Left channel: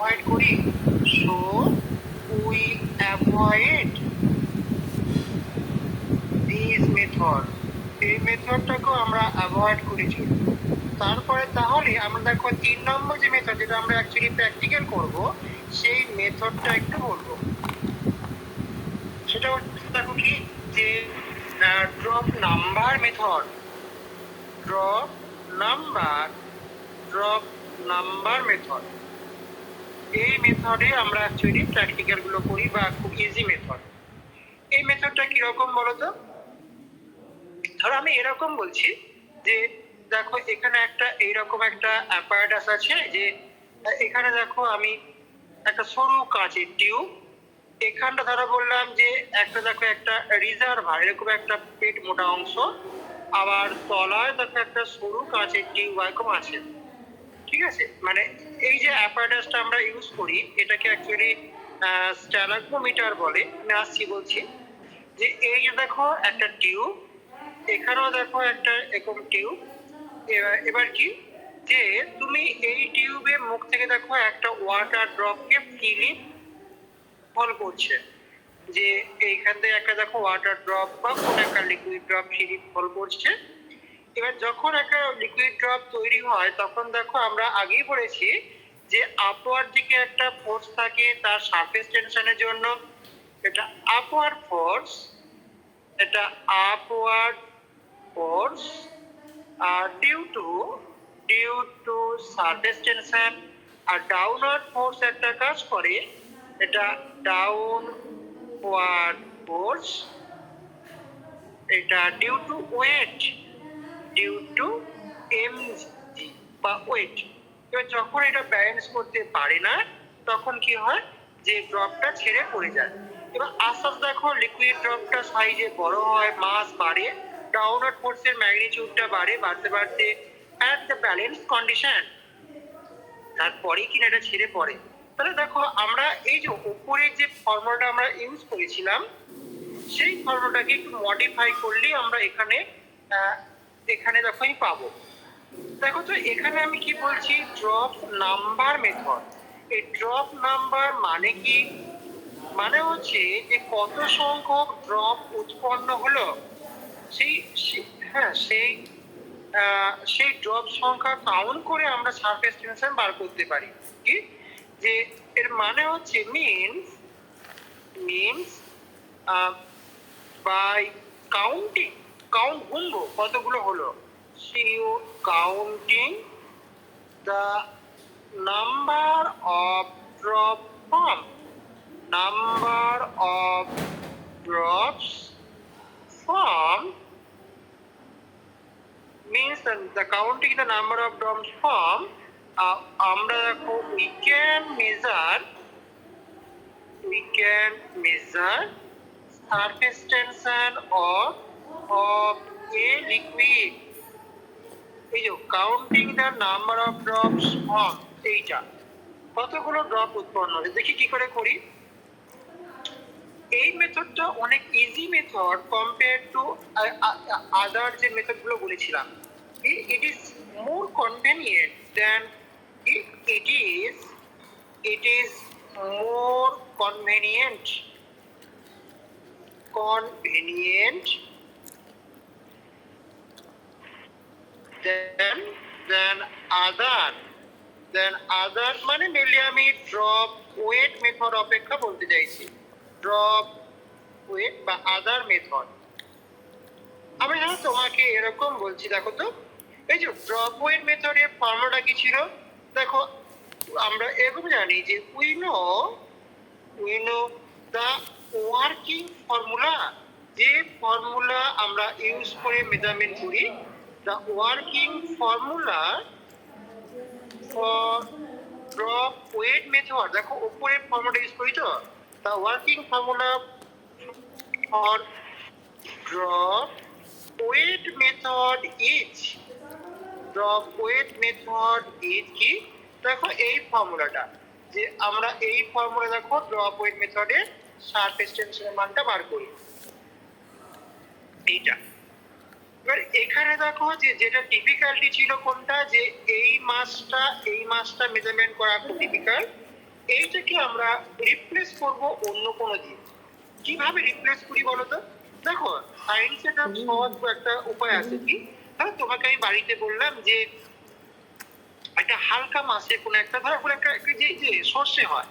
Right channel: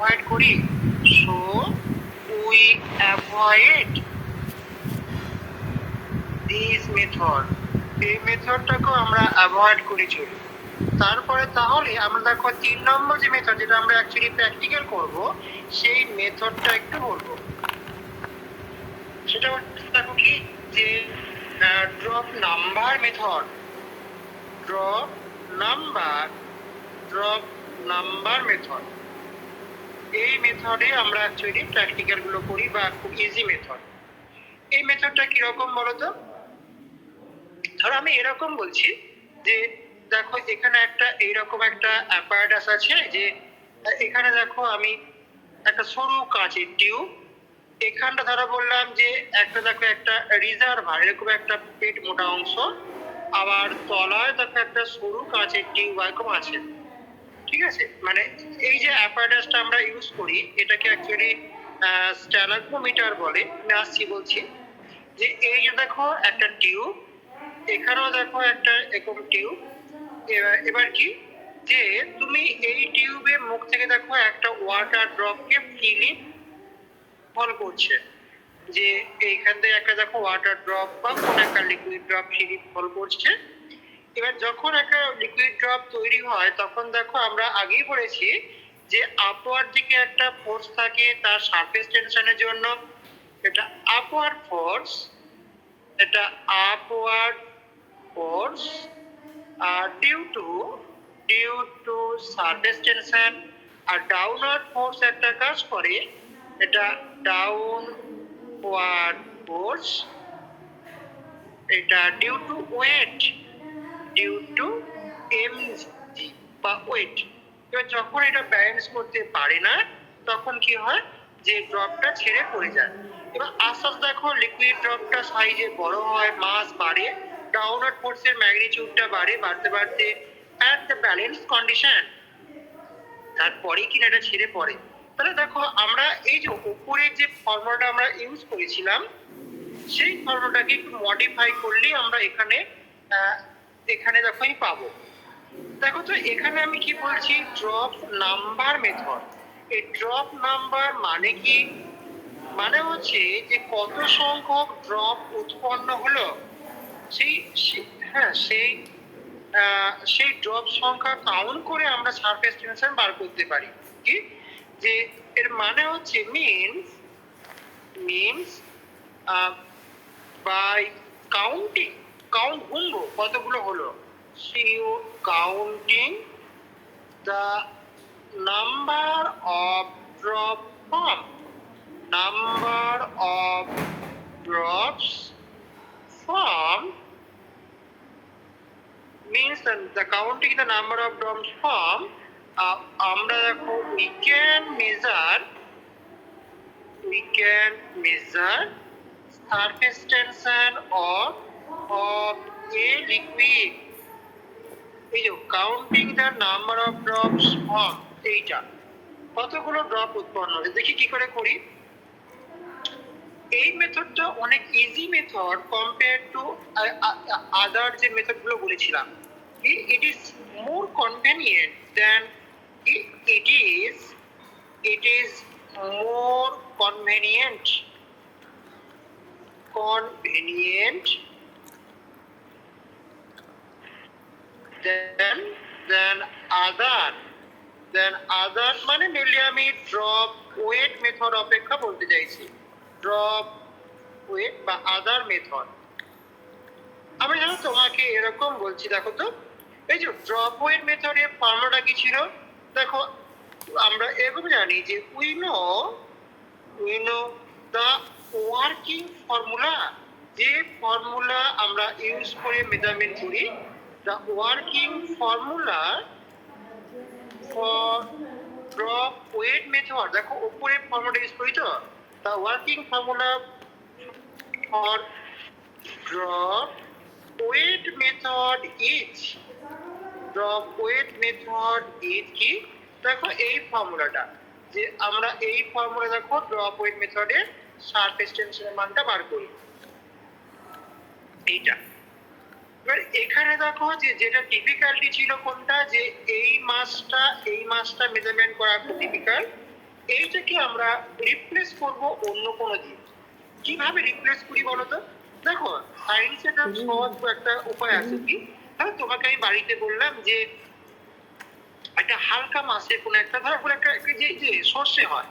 Avoid করি, so we avoid this method. এই মেথডটাকেও আমরা অ্যাভয়েড করে চলি। তারপরে তাহলে আমরা দেখো 3 নম্বর যে মেথড, যেটা আমরা অ্যাকচুয়ালি প্র্যাকটিক্যাল করব, সেই মেথডটা একটু বলবো। সেটা দেখো কি, যে drop number method. Drop number method, এই মেথডে আমরা অ্যাকচুয়ালি প্র্যাকটিক্যাল গুলো করি, বা খুব ইজি মেথড। এই মেথডটা কিরকম বলতো? ধরো আমি এরকম বলছি যে দেখো এখানে একটা এইরকম একটা অ্যাপারেটাস আছে, যে এখানে দেখো আমি একটা সরু কাঁচের টিউব, এখানটা ধরো বললাম যে একটা দেখো একটা রিজার্ভার, এরকম একটা পেট মোটা অংশ, আবার তলায় দেখো একটা সরু কাঁচের টিউব এরকম আছে। ঠিক আছে, মানে এই যে অ্যাপারেটাসটা আমরা ইউজ করি, এটাকে অ্যাকচুয়ালি স্ট্যালাগমোমিটার বলে। আমি আসছি বলছি যে এই যে দেখো একটা টিউব, এখানেও দেখো একটা এরকম টিউব। এবার কি, যে তুমি এই টিউবের মুখ থেকে দেখো একটা ওয়াটার ড্রপকে ফ্রিলি ফল করছে, যে এইখান থেকে একটা দেখো ওয়াটার ড্রপ বা কোন একটা লিকুইড ড্রপ ফ্রিলি ফল করছে। এবার যখন একটা লিকুইড ড্রপ তৈরি হয়, তখন দেখো আমরা আগেই বলেছি যে আপওয়ার্ড দিকে একটা ফোর্স থাকে তার সারফেস টেনশনের জন্য, এটা আপওয়ার্ড ফোর্স, এটা আপওয়ার্ড ফোর্স আর ডিউ টু সারফেস টেনশন। আর ডাউনওয়ার্ড ফোর্স একটা কাজ করে, এটা ডাউনওয়ার্ড ফোর্স, এটা due to weight, due to mg বা ওয়েট। এবার যখন এটা ব্যালেন্স করতে পারে না, তখন কি হয়, যে ড্রপটা ছেড়ে পড়ে যায়। এবার আস্তে আস্তে দেখো লিকুইড ড্রপটা সাইজে বড় হয়, মাস বাড়ে, ডাউনওয়ার্ড ফোর্সের ম্যাগনিটিউডটা বাড়তে বাড়তে অ্যাট দ্য ব্যালেন্স কন্ডিশন, তারপরেই কিনা এটা ছেড়ে পড়ে। তাহলে দেখো আমরা এই যে উপরের যে ফর্মুলাটা আমরা ইউজ করেছিলাম, সেই ফর্মুলাটাকে একটু মডিফাই করলেই আমরা এখানে দেখো আমি পাবো। দেখো তো এখানে আমি কি বলছি, ড্রপ নাম্বার মেথড। এই ড্রপ নাম্বার মানে কি, মানে হচ্ছে যে কত সংখ্যক ড্রপ উৎপন্ন হলো, সেই সেই ড্রপ সংখ্যা কাউন্ট করে আমরা সারফেস টেনশন বার করতে পারি। কি, যে এর মানে হচ্ছে মিনস বাই কাউন্টিং, কাউন্ট গুনবো কতগুলো হলো, so counting the number of drop form, number of drops form means the counting the number of drops form. আমরা দেখো we can measure surface tension of a liquid. এই যে counting the number of drops form, এইটা কতগুলো drop উৎপন্ন হবে, দেখি কি করে করি। এই মেথডটা অনেক easy method compare to other যে মেথডগুলো বলেছিলাম। It is more convenient than it is more convenient than other মানে মেনলি আমি ড্রপ ওয়েট মেথড অপেক্ষা বলতে চাইছি, ড্রপ ওয়েট বা আদার মেথড। আমি জানো তোমাকে এরকম বলছি, দেখো তো এই যে ড্রপ ওয়েট মেথডের ফর্মুলাটা কি ছিল, দেখো আমরা এরকম জানি যে we know the working formula, যে ফর্মুলা আমরা ইউজ করে মেজারমেন্ট করি, the working formula for drop weight method. দেখো উপরে ফর্মুলা ইউজ করি তো, the working formula for drop weight method is কি, দেখো এই ফর্মুলাটা, যে আমরা এই ফর্মুলা দেখো ড্রপ ওয়েট মেথডের সারফেস টেনশনের মানটা বার করি, এইটা। এবার এখানে দেখো যে যেটা ডিফিকাল্টি ছিল কোনটা, যে এই মাসটা মেজারমেন্ট করা খুব ডিফিকাল্ট, এইটাকে আমরা রিপ্লেস করব অন্য কোনো দিয়ে। কিভাবে রিপ্লেস করি বলো তো? দেখো, সায়েন্স একটা সহজ একটা উপায় আছে কি, হ্যাঁ তোমাকে আমি বাড়িতে বললাম যে একটা হালকা মাছে কোনো একটা ধরো কোনো একটা যে যে সর্ষে হয়,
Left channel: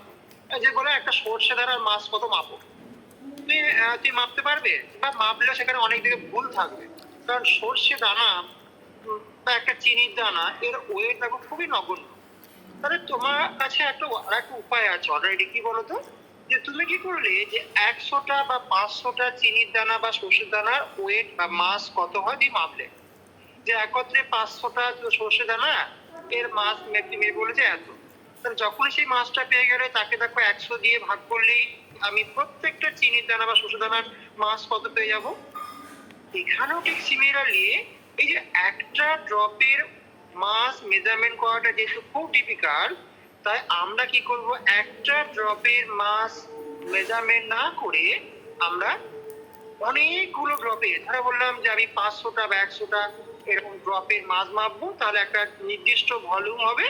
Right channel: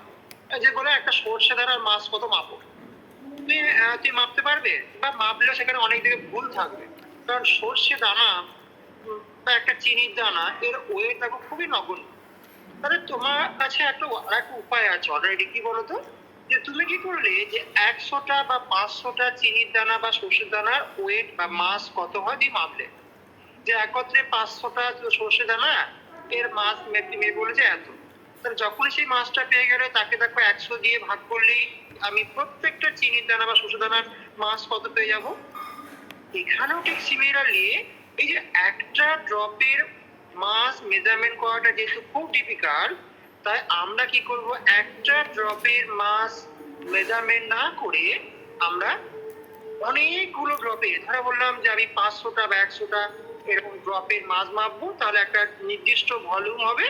যে বলে একটা সর্ষে ধারার মাছ কত মাপো, তুই মাপতে পারবে? বা মাপলেও সেখানে অনেক দিকে ভুল থাকবে, কারণ সর্ষে দানা বা একটা চিনির দানা এর ওয়েট দেখো খুবই নগণ্য। তাহলে তোমার কাছে একটা আরেকটা উপায় আছে অলরেডি, কি বলতো, যে তুমি কি করলে যে 100টা বা 500টা চিনির দানা বা সর্ষের দানার ওয়েট বা মাস কত হয় তুমি মাপলে, যে একত্রে 500টা সর্ষে দানা এর মাছ মেপে বলে যে এত। তাহলে যখনই সেই মাছটা পেয়ে গেলে তাকে দেখো 100 দিয়ে ভাগ করলেই আমি প্রত্যেকটা চিনির দানা বা সর্ষে দানার মাছ কত পেয়ে যাব। এখানেও ঠিক সিমিলারলি এই যে একটা ড্রপের মাস মেজারমেন্ট করাটা যেহেতু খুব ডিফিকাল্ট, তাই আমরা কি করব, একটা ড্রপের মাস মেজারমেন্ট না করে আমরা অনেকগুলো ড্রপে, ধরে বললাম যে আমি 500টা বা 100টা এরকম ড্রপের মাছ মাপবো, তাহলে একটা নির্দিষ্ট ভলিউম হবে,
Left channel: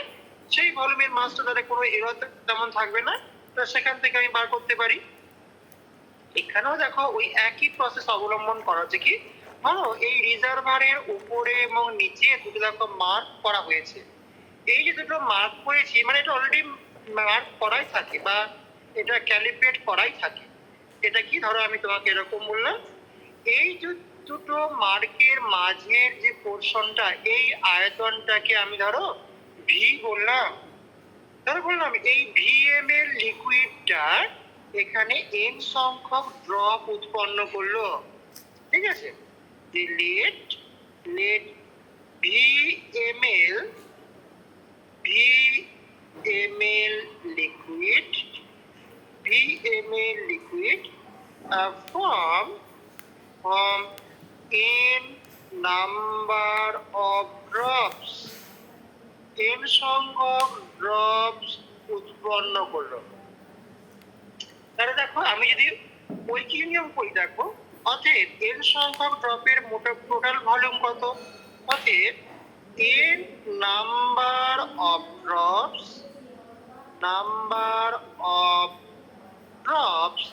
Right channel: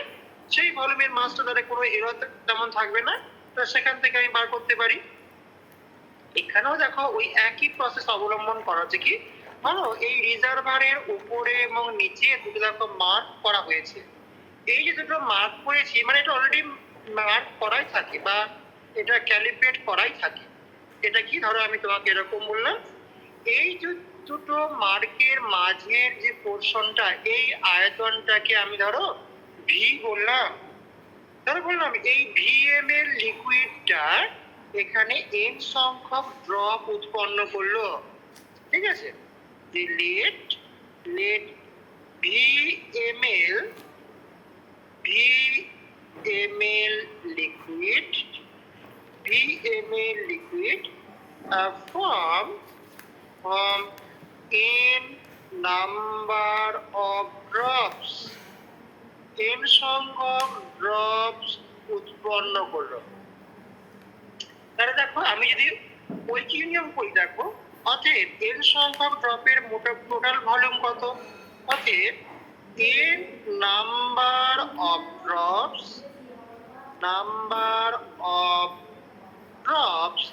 সেই ভলিউমের মাছটা তাহলে কোনো এরর তেমন থাকবে না, তো সেখান থেকে আমি বার করতে পারি। এখানেও দেখো ওই একই প্রসেস অবলম্বন করা হচ্ছে কি, ধরো এই রিজার্ভারের উপরে এবং নিচে দুটো দেখো মার্ক করা হয়েছে। এই যে দুটো মার্ক করেছি মানে এটা অলরেডি মার্ক করাই থাকে বা এটা ক্যালিব্রেট করাই থাকে। এটা কি, ধরো আমি তোমাকে এরকম বললাম, এই যে দুটো মার্কের মাঝের যে পোর্শনটা, এই আয়তনটাকে আমি ধরো ভি বললাম। ধরো বললাম এই ভিএম এর লিকুইডটা এখানে এন সংখ্যক ড্রপ উৎপন্ন করলো, ঠিক আছে, যে let let V ml V ml liquid from n number of drops, n সংখ্যক ড্রপস উৎপন্ন করলো। তাহলে দেখো আমি যদি ঐকিক নিয়ম করি, দেখো অতএব n সংখ্যক ড্রপের টোটাল ভলিউম কত, অতএব n number of drops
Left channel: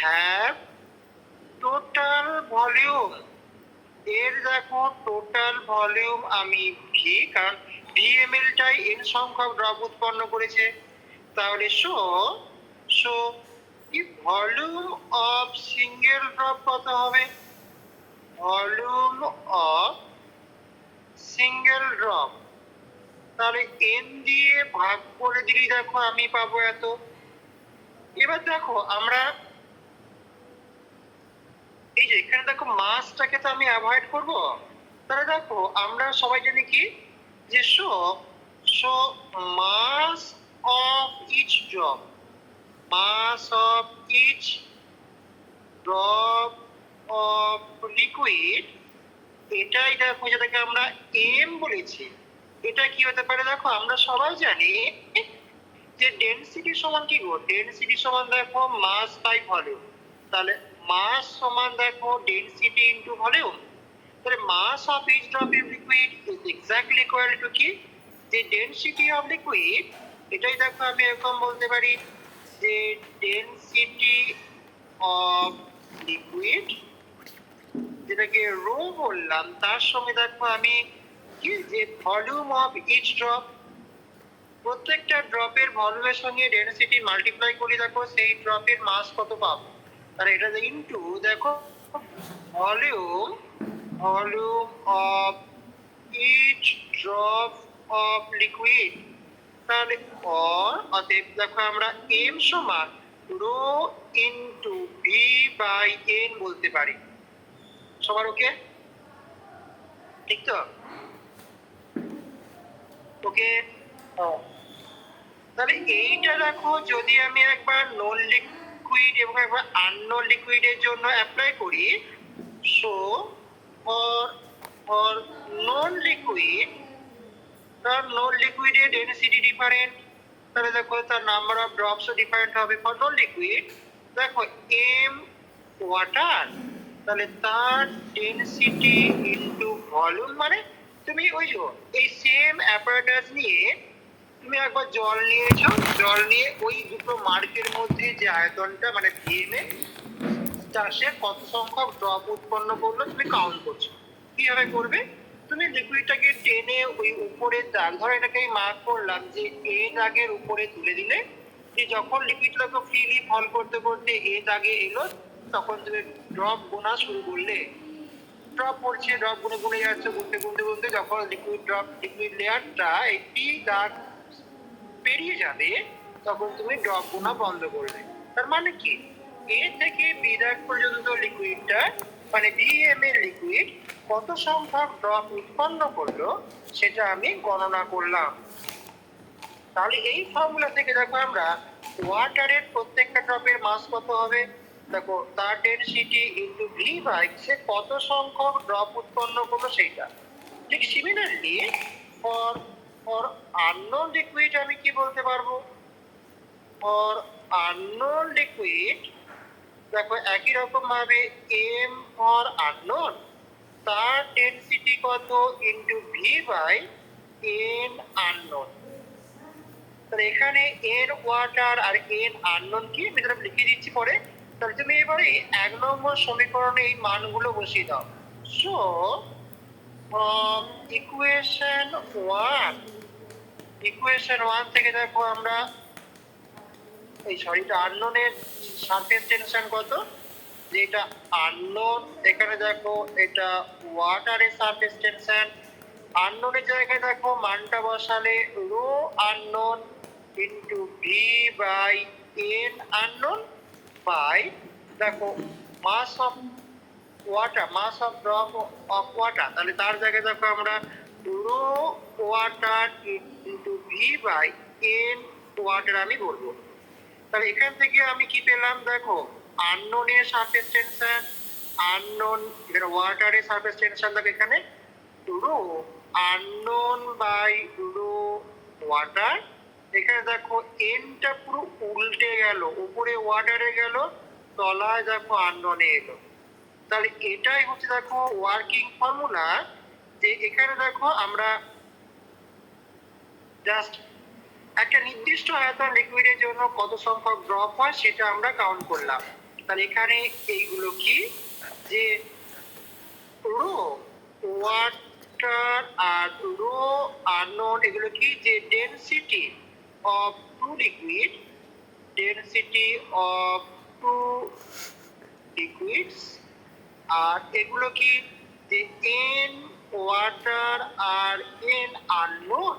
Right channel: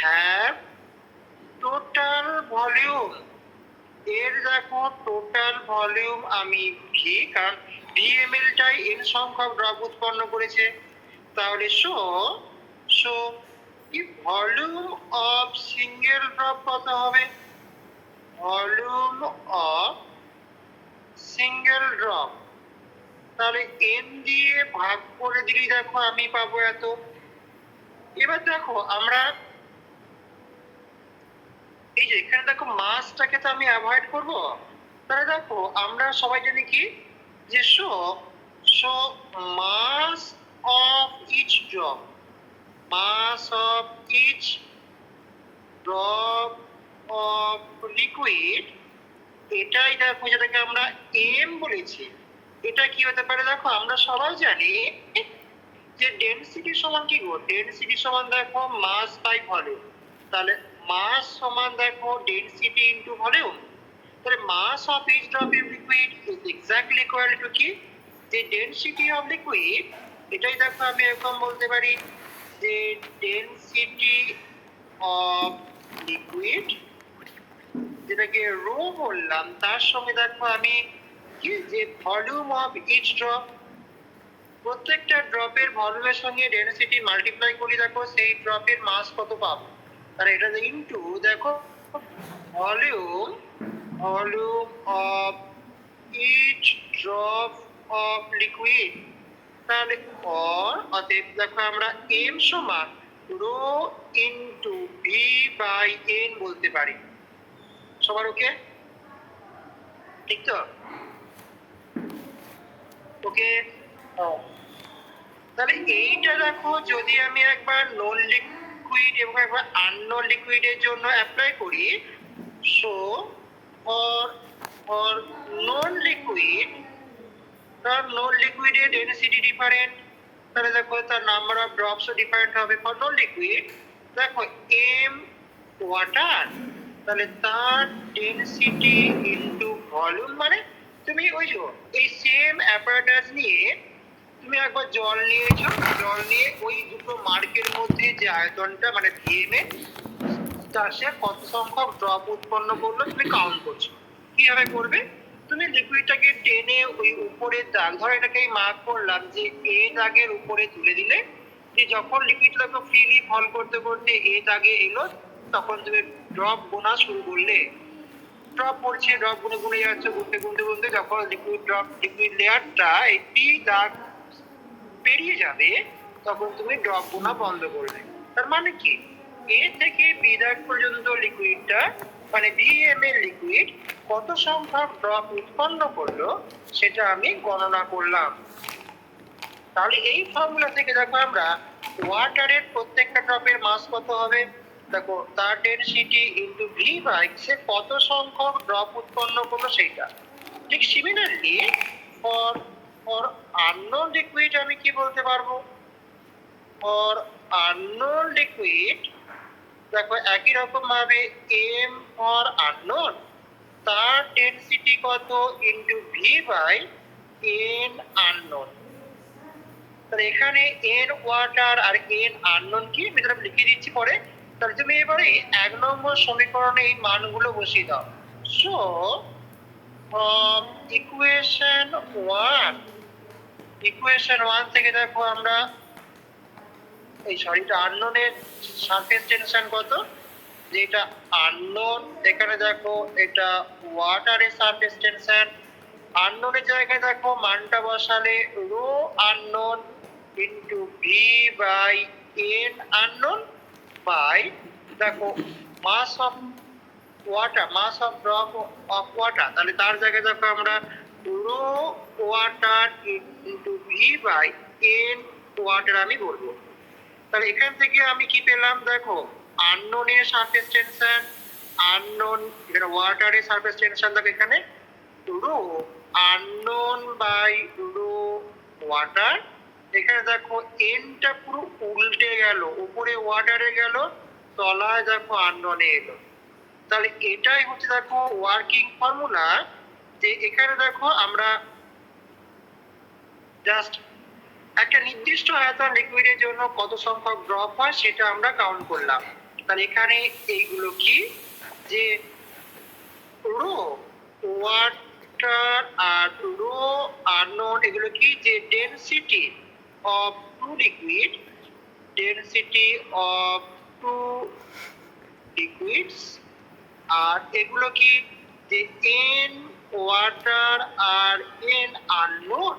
have total volume. এর দেখো টোটাল ভলিউম আমি ভি, কারণ ভিএমএল টাই এন সংখ্যক ড্রপ উৎপন্ন করেছে, তাহলে সো কি ভলিউম অফ সিঙ্গেল ড্রপ কত হবে, ভলিউম অফ সিঙ্গেল ড্রপ, তাহলে এন দিয়ে ভাগ করে দিলেই দেখো আমি পাবো এত। এবার দেখো আমরা এই যে এখানে দেখো মাসটাকে তো আমি অ্যাভয়েড করব, তাহলে দেখো আমরা সবাই জানি কি, যে so mass of each drop, mass of each drop of liquid, এটাই দেখো যেটাকে আমরা এম বলেছি, এটা কি হতে পারে, দেখো আমরা সবাই জানি যে ডেনসিটি সমান কি গো, ডেনসিটি সমান দেখো মাস বাই ভলিউম, তাহলে মাস সমান দেখো ডেনসিটি ইনটু ভলিউম, তাহলে mass of each drop of liquid is exactly equal to কি, যে ডেনসিটি অফ লিকুইড, এটাই দেখো আমি এরকম বলতে পারি যে ডেনসিটি অফ লিকুইড, যেটাকে রো বললাম, তার সঙ্গে দেখো আমি কি, যে ভলিউম অফ ইচ ড্রপ, প্রত্যেকটা ড্রপের ভলিউমের সঙ্গে ডেনসিটি মাল্টিপ্লাই করি, দেখো সেই ড্রপের মাস কত পাবো, আর এটা ইনটু দেখো volume of each drop of liquid, তাহলে অতএব দেখো আমরা এম সমান rho into V by N বলতে পারি। সবার ওকে? ঠিক তো? ওকে। তাহলে এইটা দেখো যদি আমি একবার নন লিকুইড এবং একবার আননোন লিকুইডের জন্য অ্যাপ্লাই করি, সো ফর নন লিকুইড, তার নন লিকুইডের ডেনসিটি ডিফারেন্ট, তাহলে দেখো তার নাম্বার অফ ড্রপসও ডিফারেন্ট হবে। ফর নন লিকুইড দেখো এম ওয়াটার, তাহলে তার ডেনসিটি ইনটু ভলিউম, মানে তুমি ওই যে এই সেম অ্যাপারেটাস নিয়ে তুমি একবার জল নিয়েছো, জল নিয়ে ওই দুটো মার্কের মধ্যে যে আয়তনটা মানে ভিএমএ সে কত সংখ্যক ড্রপ উৎপন্ন করলো তুমি কাউন্ট করছো। কিভাবে করবে? তুমি লিকুইডটাকে টেনে ওই উপরের দাগ, ধরো এটাকে মার্ক করলাম যে এ দাগের উপরে তুলে দিলে, যে যখন লিকুইডটাকে ফ্রিলি ফল করতে করতে এ দাগে এলো, তখন তুমি ড্রপ গোনা শুরু করলে। ড্রপ পড়ছে, ড্রপ গুনে গুনে যাচ্ছে, গুনতে গুনতে গুনতে যখন লিকুইড লেয়ারটা একটি দাগ পেরিয়ে যাবে, তখন তুমি ড্রপ গোনা বন্ধ করবে। তার মানে কি, এ থেকে বি দাগ পর্যন্ত লিকুইডটা মানে ভিএম এর লিকুইড কত সংখ্যক ড্রপ উৎপন্ন করলো সেটা আমি গণনা করলাম। তাহলে এই ফর্মুলা থেকে দেখো আমরা ওয়াটারের প্রত্যেকটা ড্রপের মাস কত হবে, দেখো তার ডেনসিটি ইন্টু ভি বাই সে কত সংখ্যক ড্রপ উৎপন্ন করলো সেইটা। ঠিক similarly for for unknown liquid আমি কি বলতে পারবো, ফর আননোন লিকুইড দেখো একই রকম ভাবে এম ফর আননোন তার ডেনসিটি কত into V by N unknown. তাহলে এখানে এন ওয়াটার আর এন আননোন কি আমি লিখে দিচ্ছি পরে। তাহলে তুমি এবারে 1 নম্বর সমীকরণে এই মানগুলো বসিয়ে দাও। সো ইকুয়েশন 1 থেকে দেখো আমরা এটা আননোনের সারফেস টেনশন কত, যেটা আননোন এখানে দেখো এটা ওয়াটারের সারফেস টেনশন। আননোনের জায়গায় দেখো মানটা বসালে rho unknown into V by N unknown by দেখো mass of water, mass of drop of water, তাহলে তার জায়গায় দেখো আমরা rho water into V by N water আমি বলবো। তাহলে এখান থেকে আমি কি পেলাম দেখো, আননোনের সারফেস টেনশন, আননোন এখানে ওয়াটারের সারফেস টেনশন দেখো এখানে rho unknown by rho water. এখানে দেখো এনটা পুরো উল্টে গেল, উপরে ওয়াটারে গেল, তলায় দেখো আননোনে এলো। তাহলে এটাই হচ্ছে দেখো ওয়ার্কিং ফর্মুলা, যে এখানে দেখো আমরা জাস্ট একটা নির্দিষ্ট আয়তন লিকুইডের জন্য কত সংখ্যক ড্রপ হয় সেটা আমরা কাউন্ট করলাম। তাহলে এখানে এইগুলো কি, যে রো ওয়াটার আর রো আননোন এগুলো কি, যে density of two liquid, density of two liquids. আর এগুলো কি, যে এন ওয়াটার আর এন আননোন,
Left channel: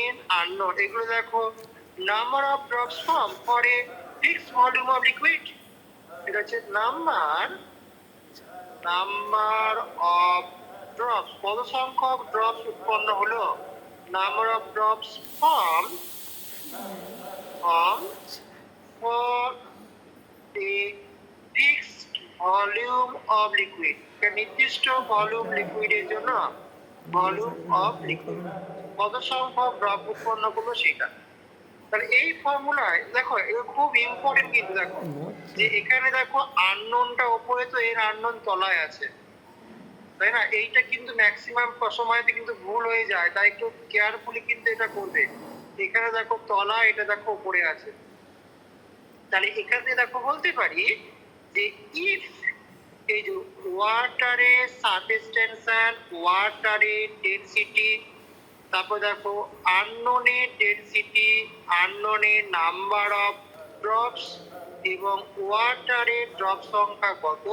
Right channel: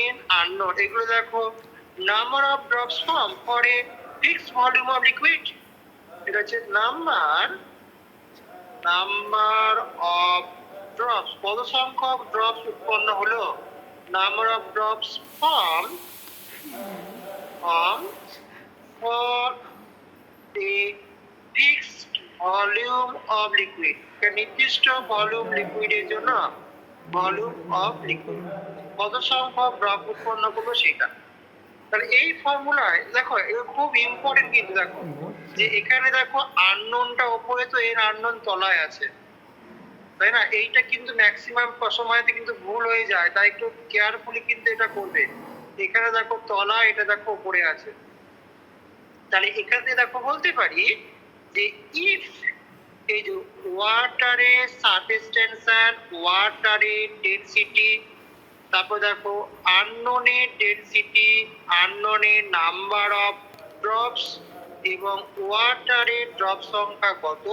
এন আননোন এগুলো দেখো number of drops form for a fixed volume of liquid. এটা হচ্ছে নাম্বার অফ ড্রপস, কত সংখ্যক ড্রপস উৎপন্ন হলো, number of drops form for a fixed volume of liquid, নির্দিষ্ট ভলিউম লিকুইডের জন্য ভলিউম অফ লিকুইড কত সংখ্যক ড্রপ উৎপন্ন করলো সেটা। তাহলে এই ফর্মুলায় দেখো এটা খুব ইম্পর্টেন্ট, কিন্তু দেখো যে এখানে দেখো আননোনটা উপরে, তো এর আননোন তলায় আছে, তাই না? এইটা কিন্তু ম্যাক্সিমাম সময়তে কিন্তু ভুল হয়ে যায়, তাই একটু কেয়ারফুলি কিন্তু এটা করবে। এখানে দেখো তলা, এটা দেখো উপরে আছে। তাহলে এখানে দেখো বলতে পারি যে ইফ এই যে ওয়াটারের সারফেস টেনশন, ওয়াটারের ডেনসিটি, তারপর দেখো আননোনের ডেনসিটি, আননোনের নাম্বার অফ ড্রপস এবং ওয়াটারের ড্রপ সংখ্যা কত,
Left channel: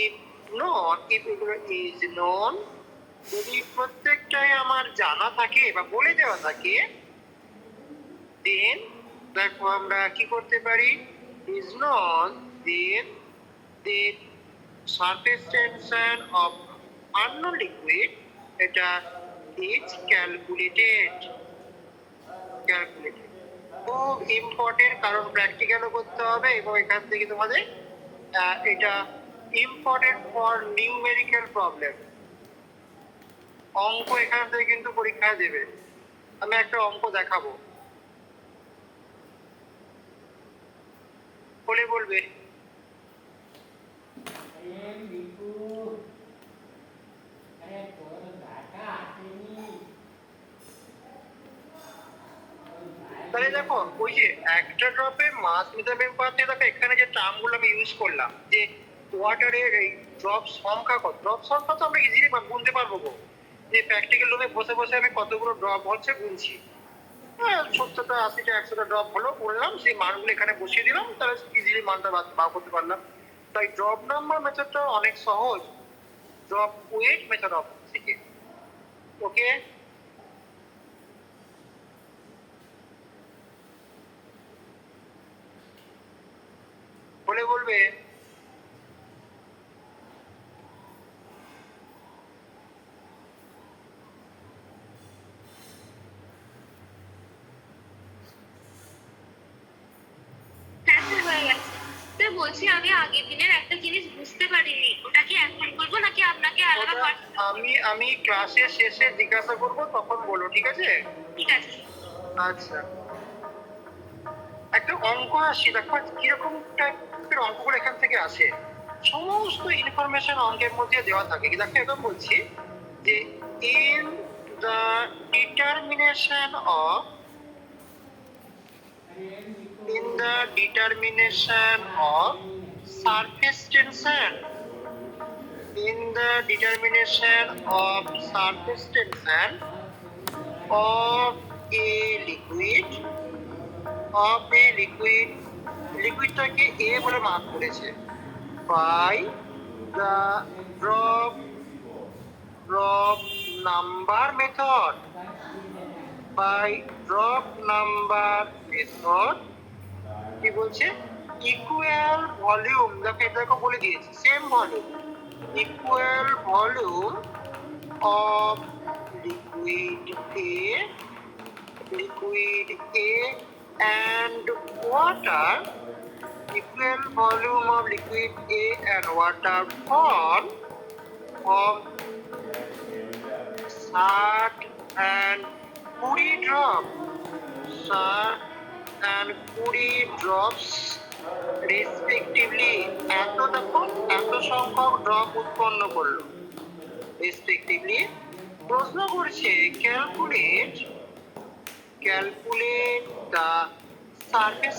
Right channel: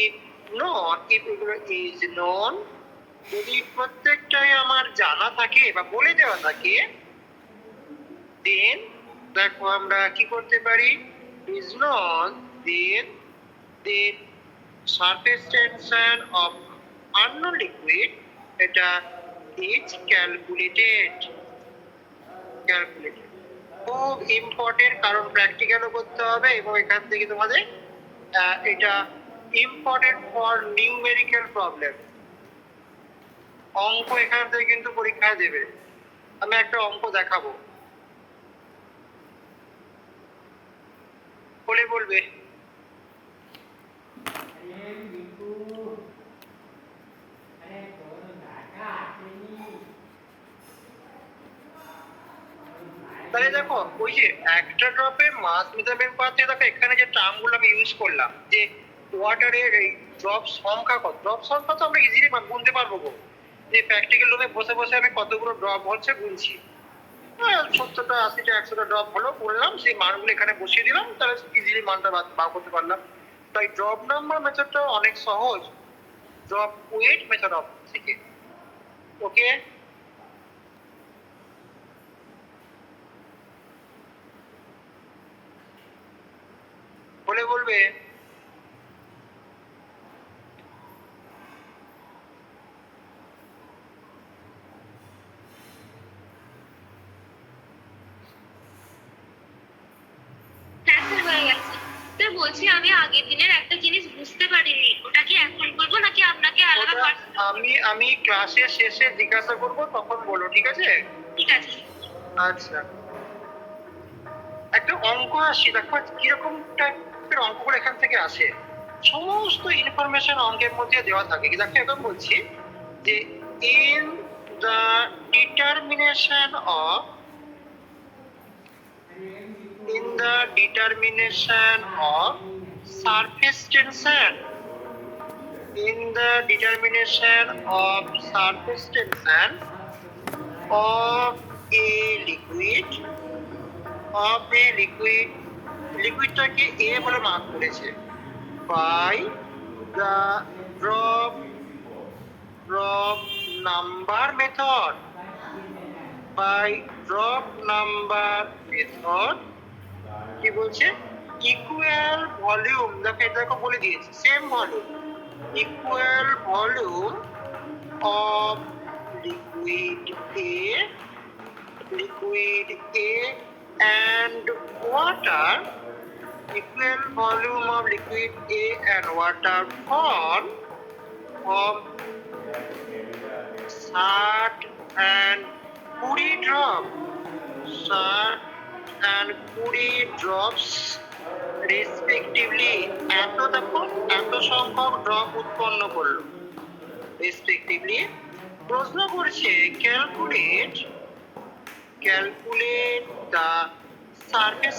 ইফ নট, ইফ এগুলো ইজ নন, যদি প্রত্যেকটাই আমার জানা থাকে বা বলে দেওয়া থাকে, দেন দেখো আমরা কি করতে পারি, is known, then then surface tension of unknown liquid এটা ইজ ক্যালকুলেটেড। খুব ইম্পর্টেন্ট, কারণ প্র্যাকটিক্যালও করতে হবে এবং এখান থেকে তোমাদের এটা ইম্পর্টেন্ট ফর নিউমেরিক্যাল প্রবলেম। অঙ্ক এখান থেকে কিন্তু পরীক্ষায় দেবে। আমি একটা অঙ্ক দেখাবো, বলে বলবে। তাহলে দেখো ওই যে একটা ড্রপের মাস মেথড বের করাতে দেখো এখানে যে টার্মগুলো আমি ইউজ করলাম, যে ওয়াটারের এই ড্রপ সংখ্যা কত, ড্রপ সংখ্যা তো আমরা ইজিলি গুনতে পারবো গো, যে প্র্যাকটিক্যাল রুমে বসে বসে আমি কতগুলো ড্রপ হচ্ছে গুনছি। 70টা 80টা 100টা ড্রপ হলো, বললাম সেই মানগুলো এখানে বসিয়ে দিলাম, তাহলে ইজিলি মানটা বার করতে পারলাম। তাই ড্রপ নাম্বার মেথডটা অনেক সহজ ড্রপ ওয়েট মেথড অফ থেকে। ওকে, বলে বলবে। হ্যাঁ স্যার, হয়ে গেছে। স্যার বলছি আমি আগের দিনের একটা জিনিস বুঝতে পারিনি, ওটা কি এখন বলবো নাকি আপনাকে আলাদা ওটা আমি ক্লাসের শেষে জিজ্ঞাসা করব, তখন বলো, ঠিক আছে? ঠিক আছে। আচ্ছা, একটা অঙ্ক আসি, দেখো কিরকম টাইপের অঙ্কগুলো এখান থেকে আসে। সমস্ত ইনফরমেশন অঙ্কের মধ্যে দেওয়া থাকে। দেখো এখন বলছি যে in the determination of surface tension, in the determination of surface tension of a liquid, লিকুইডটাকে এ বলে মার্ক করেছে, by the drop number method, কি বলছে, ইকুয়াল ভলিউম, দেখো বলে দিয়েছে same volume, equal volume of liquid A and water, equal volume of liquid A and water from 60 and 20 drop, 60 and 20 drops respectively. এত সংখ্যক drop উৎপন্ন করলো রেসপেক্টিভলি। প্রশ্ন করছে calculate the surface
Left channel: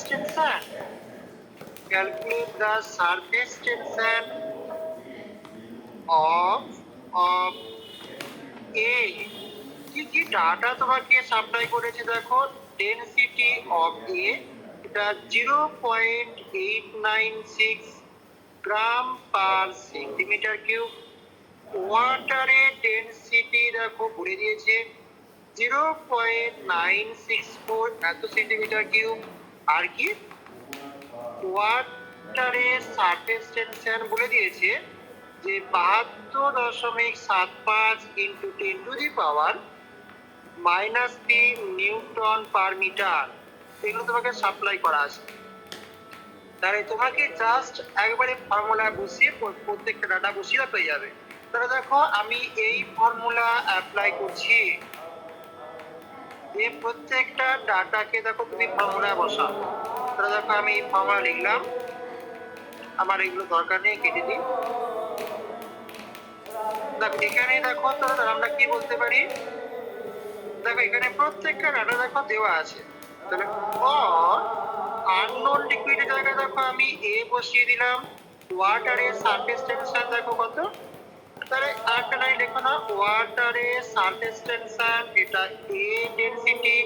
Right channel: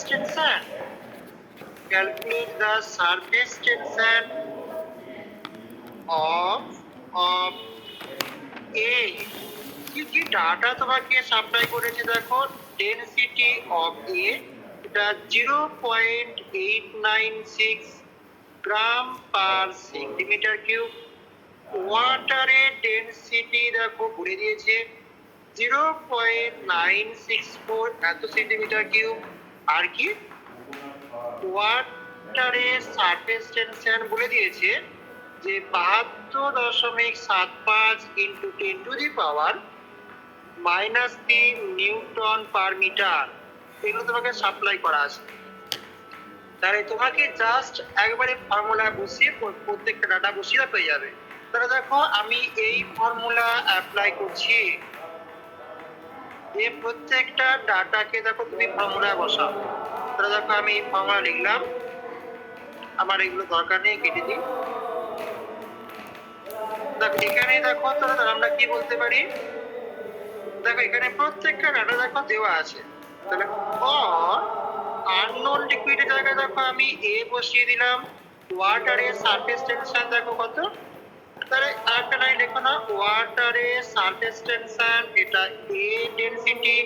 tension, of A. কি ডাটা তোমাকে supply করেছে দেখো, ডেনসিটি অফ এ, এটা 0.896 গ্রাম পার সেন্টিমিটার কিউব। ওয়াটারের ডেনসিটি দেখো বলে দিয়েছে 0.964 এত সেন্টিমিটার কিউব। আর কি ওয়াটারের সারফেস টেনশন বলে দিয়েছে যে 72.75 ইন্টু 10⁻³ নিউটন পার মিটার, এগুলো তোমাকে সাপ্লাই করা আছে। তাহলে তোমাকে জাস্ট একবারে ফর্মুলা বসিয়ে প্রত্যেকটা ডাটা বসিয়ে পেয়ে যাবে। তাহলে দেখো আমি এই ফর্মুলা অ্যাপ্লাই করছি, এই প্রত্যেকটা ডাটাকে দেখো তুমি ফর্মুলায় বসাও। তাহলে দেখো আমি এই ফর্মুলা লিখলাম, আমার এগুলো দরকার নেই, কেটে দিই। দেখো এখানে দেখো, তাহলে আমরা কি বলতে পারি, দেখো এখানে প্রত্যেকটা ডাটা দেখো দেওয়া আছে। তাহলে আননোন লিকুইডের জায়গায় দেখো আমি এ বসিয়ে দিলাম, ওয়াটারের সারফেস টেনশন দেখো কত, তাহলে আরেকটা লাইন লেখো না, ওয়াটারের সারফেস টেনশন এটা এ ডেনসিটি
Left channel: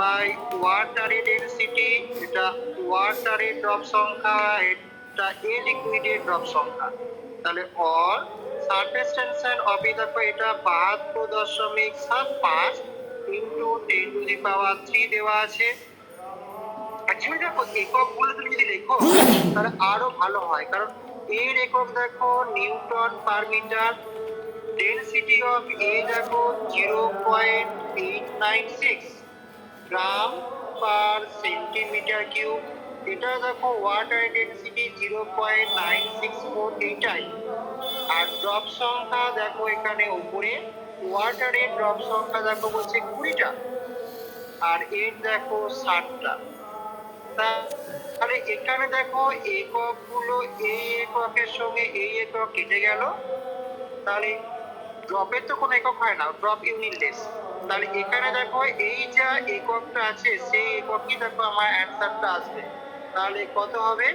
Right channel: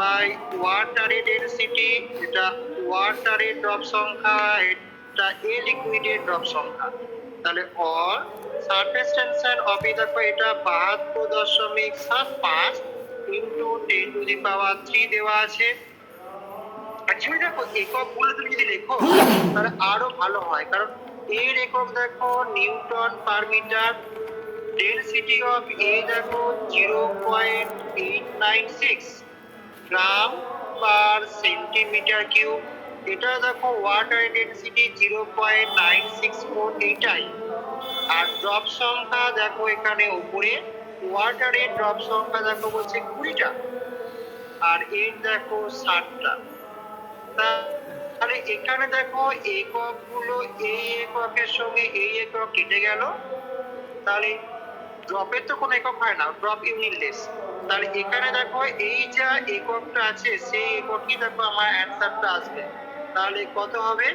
বাই ওয়াটারের ডেনসিটি, এটা ওয়াটারের ড্রপ সংখ্যা, এটা এ লিকুইডের ড্রপ সংখ্যা। তাহলে or surface tension of A দেখো এটা 72.75 ইন্টু 10⁻³ দেওয়া আছে। অ্যাকচুয়ালি দেখো এককগুলো তুমি যদি লেখো তাহলে আরো ভালো হয়, কারণ এর একক দেখো newton per metre, density of A দেখো 0.896 গ্রাম পার সেন্টিমিটার কিউব, এটা দেখো ওয়াটার ডেনসিটি 0.964, এইটাই। আর ড্রপ সংখ্যা দেখো এখানে উপরে ওয়াটারের ড্রপ সংখ্যা দেখো বলছে 20টা, আর এর দেখো 60টা। তাহলে এখানে দেখো একক গুলো এই এককের সঙ্গে এই একক কেটে গেল, তাহলে ড্রপের তো কোনো একক হয় না, ড্রপ ইউনিটলেস। তাহলে এখানে দেখো এই যা এককটা আছে সেই এককই দেখো আমার অ্যান্সারটা আসবে। তাহলে কত হবে?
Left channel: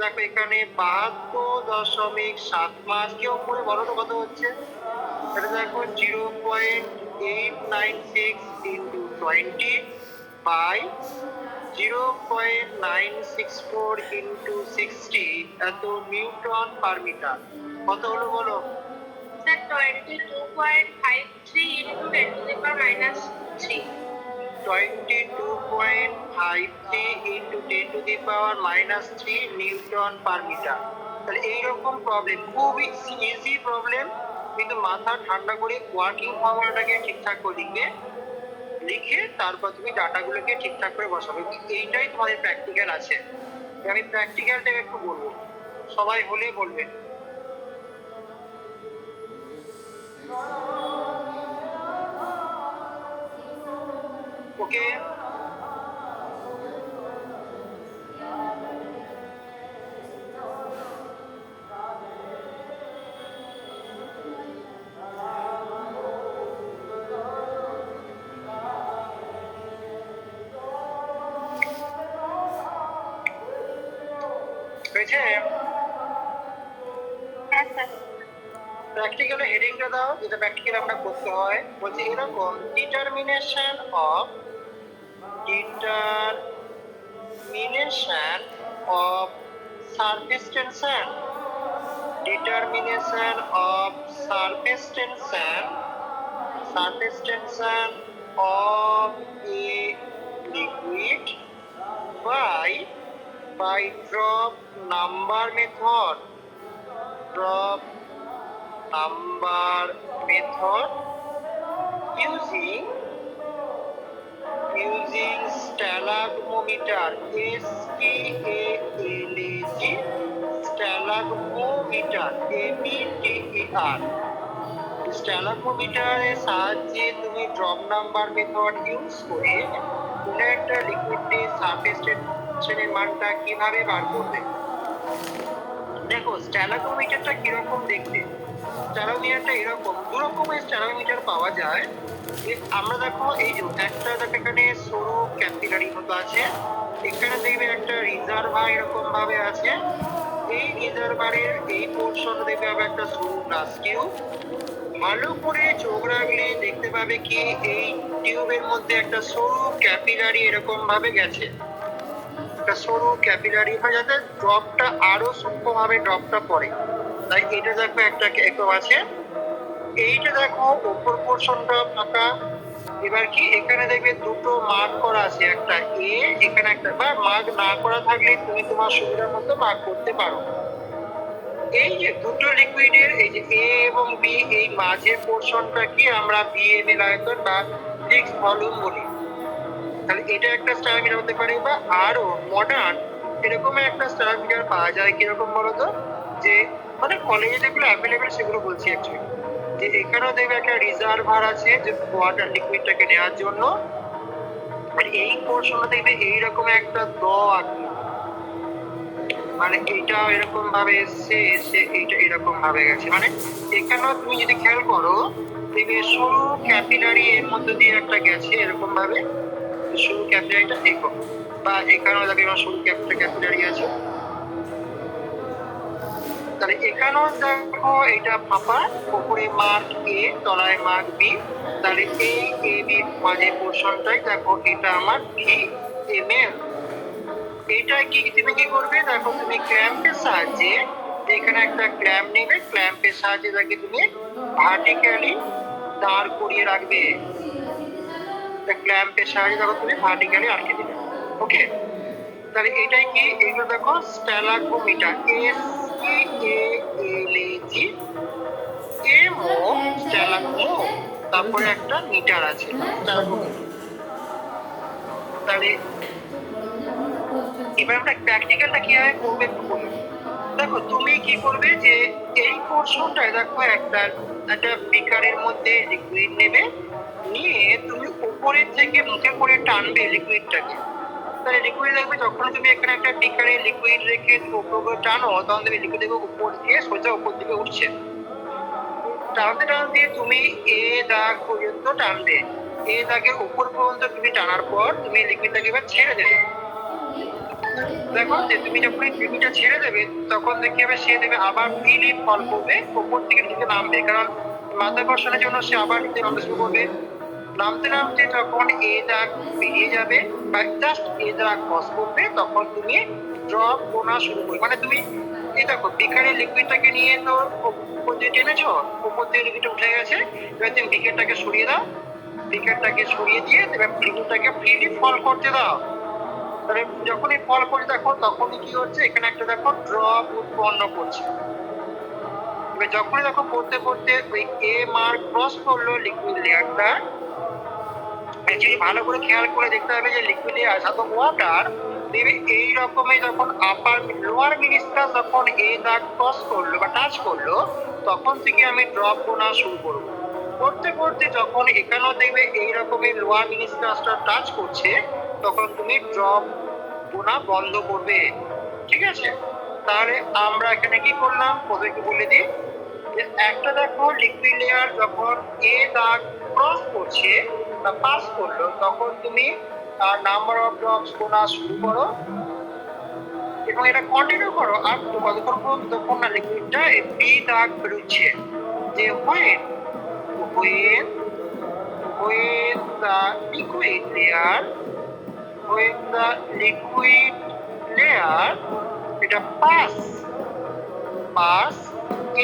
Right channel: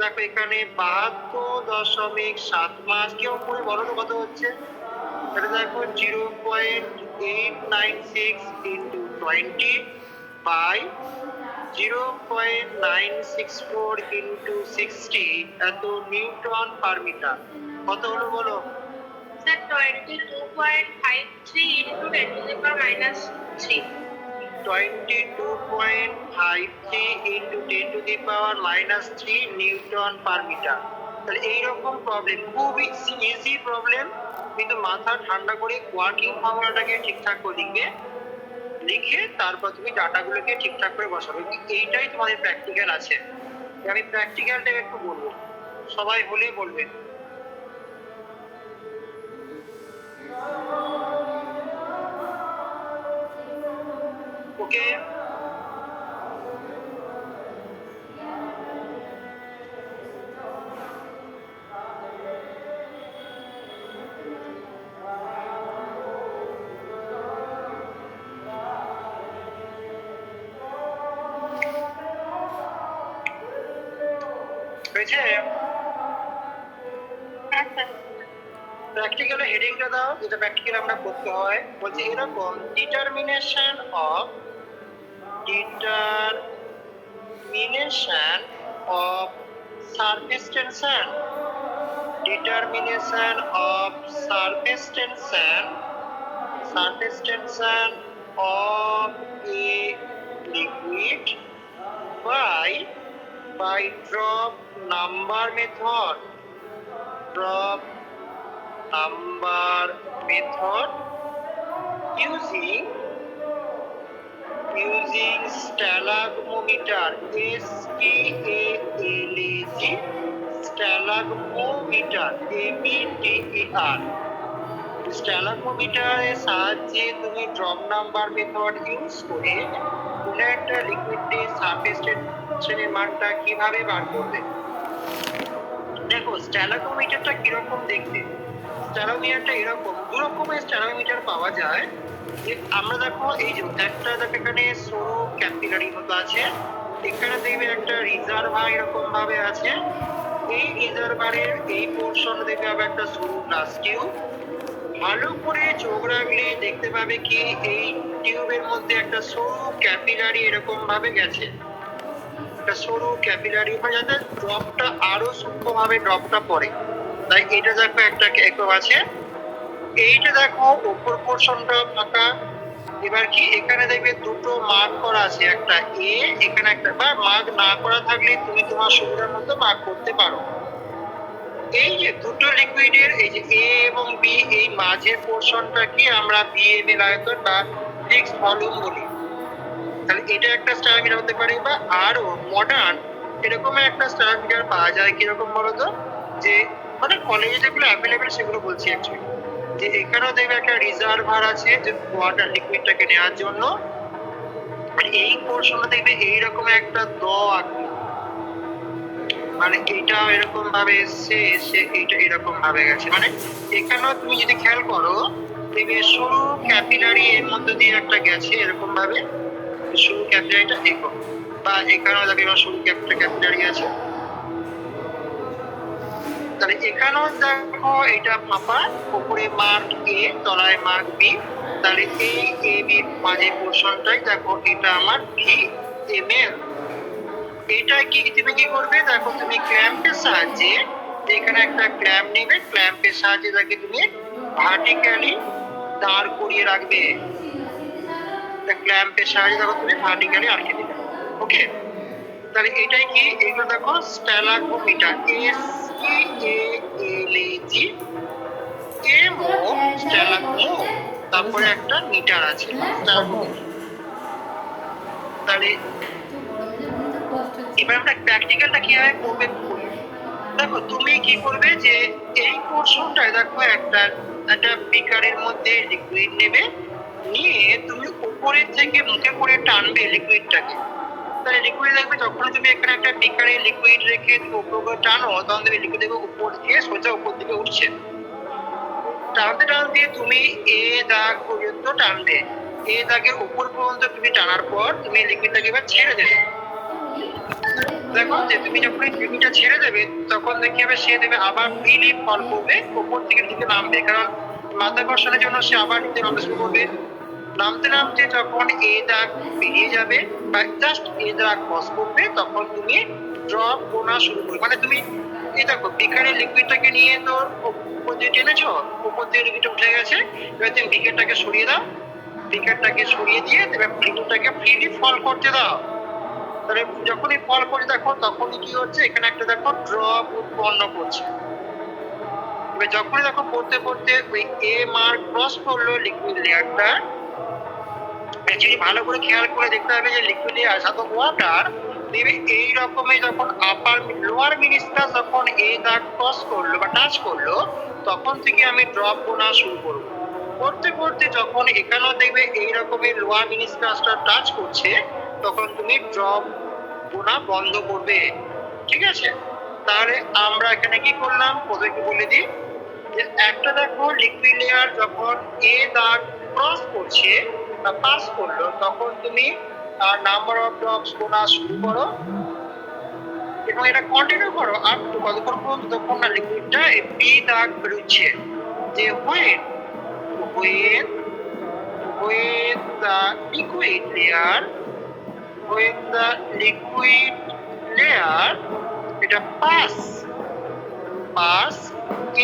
দেখো এখানে 72.75, কেউ করে বলো তো কত হচ্ছে? এটা দেখো 0.896 ইন্টু 20 বাই 0.964 ইন্টু 60 এত নিউটন পার মিটার। কত হলো বলো? Sir 22.53 into 10 to the power minus 3। 22.53 into 10 to the power minus 3 newton per metre. তাহলে এইরকম প্রবলেম খুবই ইজি প্রবলেম, কিন্তু মাথা ঠান্ডা করে ওয়ার্কিং ফর্মুলাটাকে ঠিকঠাক করে লিখবে, লিখে তারপর তুমি ডাটাগুলোকে ঠিকঠাক করে বসাবে। এইটাই তোমাদের প্র্যাকটিক্যাল আছে। আমি প্র্যাকটিক্যালটা একটু বলবো, সবাই হলে বলবে। ওকে, হয়েছে? হ্যাঁ স্যার। প্র্যাকটিক্যালে হেডিংটা দাও, যেটা প্র্যাকটিক্যাল আমরা করতে হয়। বলছে এরকম determination of surface tension, determination of surface tension of a liquid by drop number method, using stalagmometer, STALAG, স্ট্যালাগমোমিটার, ABTER। স্ট্যালাগমোমিটারের সাহায্যে তুমি ড্রপ নাম্বার মেথড ইউজ করে কোনো একটা লিকুইডের সারফেস টেনশনের মানটা কিভাবে বার করবে। দেখো স্ট্যালাগমোমিটারটা কিরকম দেখতে। স্ট্যালাগমোমিটারটা এরকম, দু রকমের স্ট্যালাগমোমিটার পাওয়া যায়। যে আমরা দেখো এই যে একটা দেখো এখানে সরু ক্যাপিলারি মতো আছে, এখানে দেখবে একটা রিজার্ভার এরকম ভাবে আছে। এই রিজার্ভারের এই পোর্শন দেখবে আবার একটা সরু গ্লাস টিউব। ভালো করে চোখ রাখলে দেখতে পাবে কি এই টিউবের মধ্যে একটা সরু ক্যাপিলারি এরকম ভাবে গেছে, একটা সরু ক্যাপিলারি হয় যাতে ড্রপটা আরো সূক্ষ্মভাবে ড্রপটা পড়ে। তাই এটা দেখো একটা একক আছে, এইটা দেখো উপর পোর্শনটা ফাঁকা। এবার কি এখানে দেখবে দুটো মার্ক করা আছে, একটা এ, এখানে একটা, বা মার্ক না করা থাকলে তুমি তোমার সুবিধার মতো মার্ক করতে পারো। এই যে দুটো লিকুইডের এই যে এ এবং বি, এই মাঝের পোর্শনটা কি আমরা বিএমএল আয়তন বা ফিক্সড ভলিউম বলি। তাহলে এটা একটা স্টার মিটার হতে পারে, বা আরো মডার্ন এরকম একটা স্টার মিটার পাওয়া যায়। কিরকম বলতো, যে মানে কলেজে যেগুলো অ্যাভেলেবেল সেগুলো বলছি অ্যাকচুয়ালি, যে এখানেও দেখবে একটা রিজার্ভার আছে যে ওয়াটার লিকুইডটাকে নেওয়ার জন্য। আর এই পোর্শনটা দেখবে এইরকম একটা মানে এটা এরকম ভাবে এসে এটা এরকম ভাবে গেছে। মানে এখানেও তুমি যদি খেয়াল করো দেখবে সরু ক্যাপিলারি এর মধ্যে দিয়ে একটা গেছে এরকম ভাবে, সরু ক্যাপিলারিটা একক, বা এখানেও দেখবে সরু ক্যাপিলারি আছে। তাহলে এখানেও দেখো এটা ফাঁপা, উপরে মার্ক এ, তলায় মার্ক বি। তাহলে এই এ বি মাঝে পোর্শনটাই দেখো এটা আমার VML। এইটা কি তুমি কি করবে, দেখো তুমি ক্ল্যাম্পের সাহায্যে, এখানে একটা ক্ল্যাম্প নেবে, ক্ল্যাম্পের সাহায্যে তাকে তুমি ভার্টিক্যালি দাঁড় করিয়ে রাখবে। ক্ল্যাম্পের সাহায্যে দেখো তুমি ভার্টিক্যালি আটকে দিবে। ওকে, তাহলে এটাই কি, এইগুলো দেখো স্ট্যালাগমোমিটার, STALAG, এমও স্ট্যালাগমো, তারপরে একটা মিটার আছে স্ট্যালাগমোমিটার। তাহলে এবার আমরা প্র্যাকটিক্যালটা কিভাবে করবে একটু বলি। দেখো তুমি কি করবে, যে এই পোর্শনটায় দেখো একটা বিকারের মধ্যে লিকুইড নেবে, নিয়ে তুমি উপরের থেকে মুখে করে টানবে লিকুইডটাকে। তাহলে লিকুইড দেখবে যখন তুমি এখানে একটা বিকারে লিকুইড রেখে উপরে টানো, তখন তুমি লিকুইড দেখবে উপর দিয়ে সোজা উপর দিকে উঠছে। টানতে টানতে তুমি এ দাগ পর্যন্ত টানবে, এই দাগের উপর পর্যন্ত তুমি টানার পর তুমি লিকুইডটাকে এবার ছেড়ে দেবে। দেখো যে তুমি যখন লিকুইডটা ছেড়ে দেবে তখন দেখি হবে সে দেবে আবার ফ্রিলি ফল করবে, উপর থেকে নিচে নামবে, কারণ মাধ্যাকর্ষণের জন্য সে আবার নিচে নামতে শুরু করবে। নামতে নামতে যখন এ দাগ পেরিয়ে যাবে বা জাস্ট এ দাগ ক্রস করবে তখন তুমি ড্রপ গোনা শুরু করবে। মানে তুমি এই দেখো বিকারের লিকুইডটাকে নিয়ে তো উপর দিয়ে টেনেছো, উপর দিয়ে লিকুইডটা উঠে গেছে, এবার তুমি বিকারটাকে সরিয়ে দাও, বিকারটাকে সরিয়ে দিয়ে এবার লিকুইডটাকে ফ্রিলি ফল করতে দাও। তাহলে যখনই ফল করে দেখো তখনই কি হচ্ছে, এখানে একটা দেখো ড্রপ উৎপন্ন করছে। এবার যখনই দেখো পড়তে পড়তে ওই এ মার্ক ক্রস করলো লিকুইড লেয়ারটা, অ্যাকচুয়ালি ভালো করে খেয়াল করে দেখতে হবে যে লিকুইডে আসা তো ওয়াটার দেবে এই রকমের যখন আপার লোয়ার মিনিস্কাস যখন এই দাগ ক্রস করলো বা টাচ করলো তখন থেকে আমি ড্রপ গোনা শুরু করবো। করতে করতে যখন এখানেও দেখবে এই রকমের লোয়ার মিনিস্কাসটা টাচ করছে তখন তুমি ড্রপ গোনা বন্ধ করবে। ঠিক আছে, তাহলে আমরা এখানে কি করলাম প্রথমে কি বলে দিই যে একটা দেখো লিকুইড লেয়ার যখন এ দাগ ক্রস করছে বা পাস করলো তখন তুমি নাম্বার অফ ড্রপস গোনা শুরু করো এবং এটা কন্টিনিউ করো আপ টু কতক্ষণ পর্যন্ত যতক্ষণ না লিকুইডটা এই বি দাগ বেরোচ্ছে। যে when the liquid layer এটা pass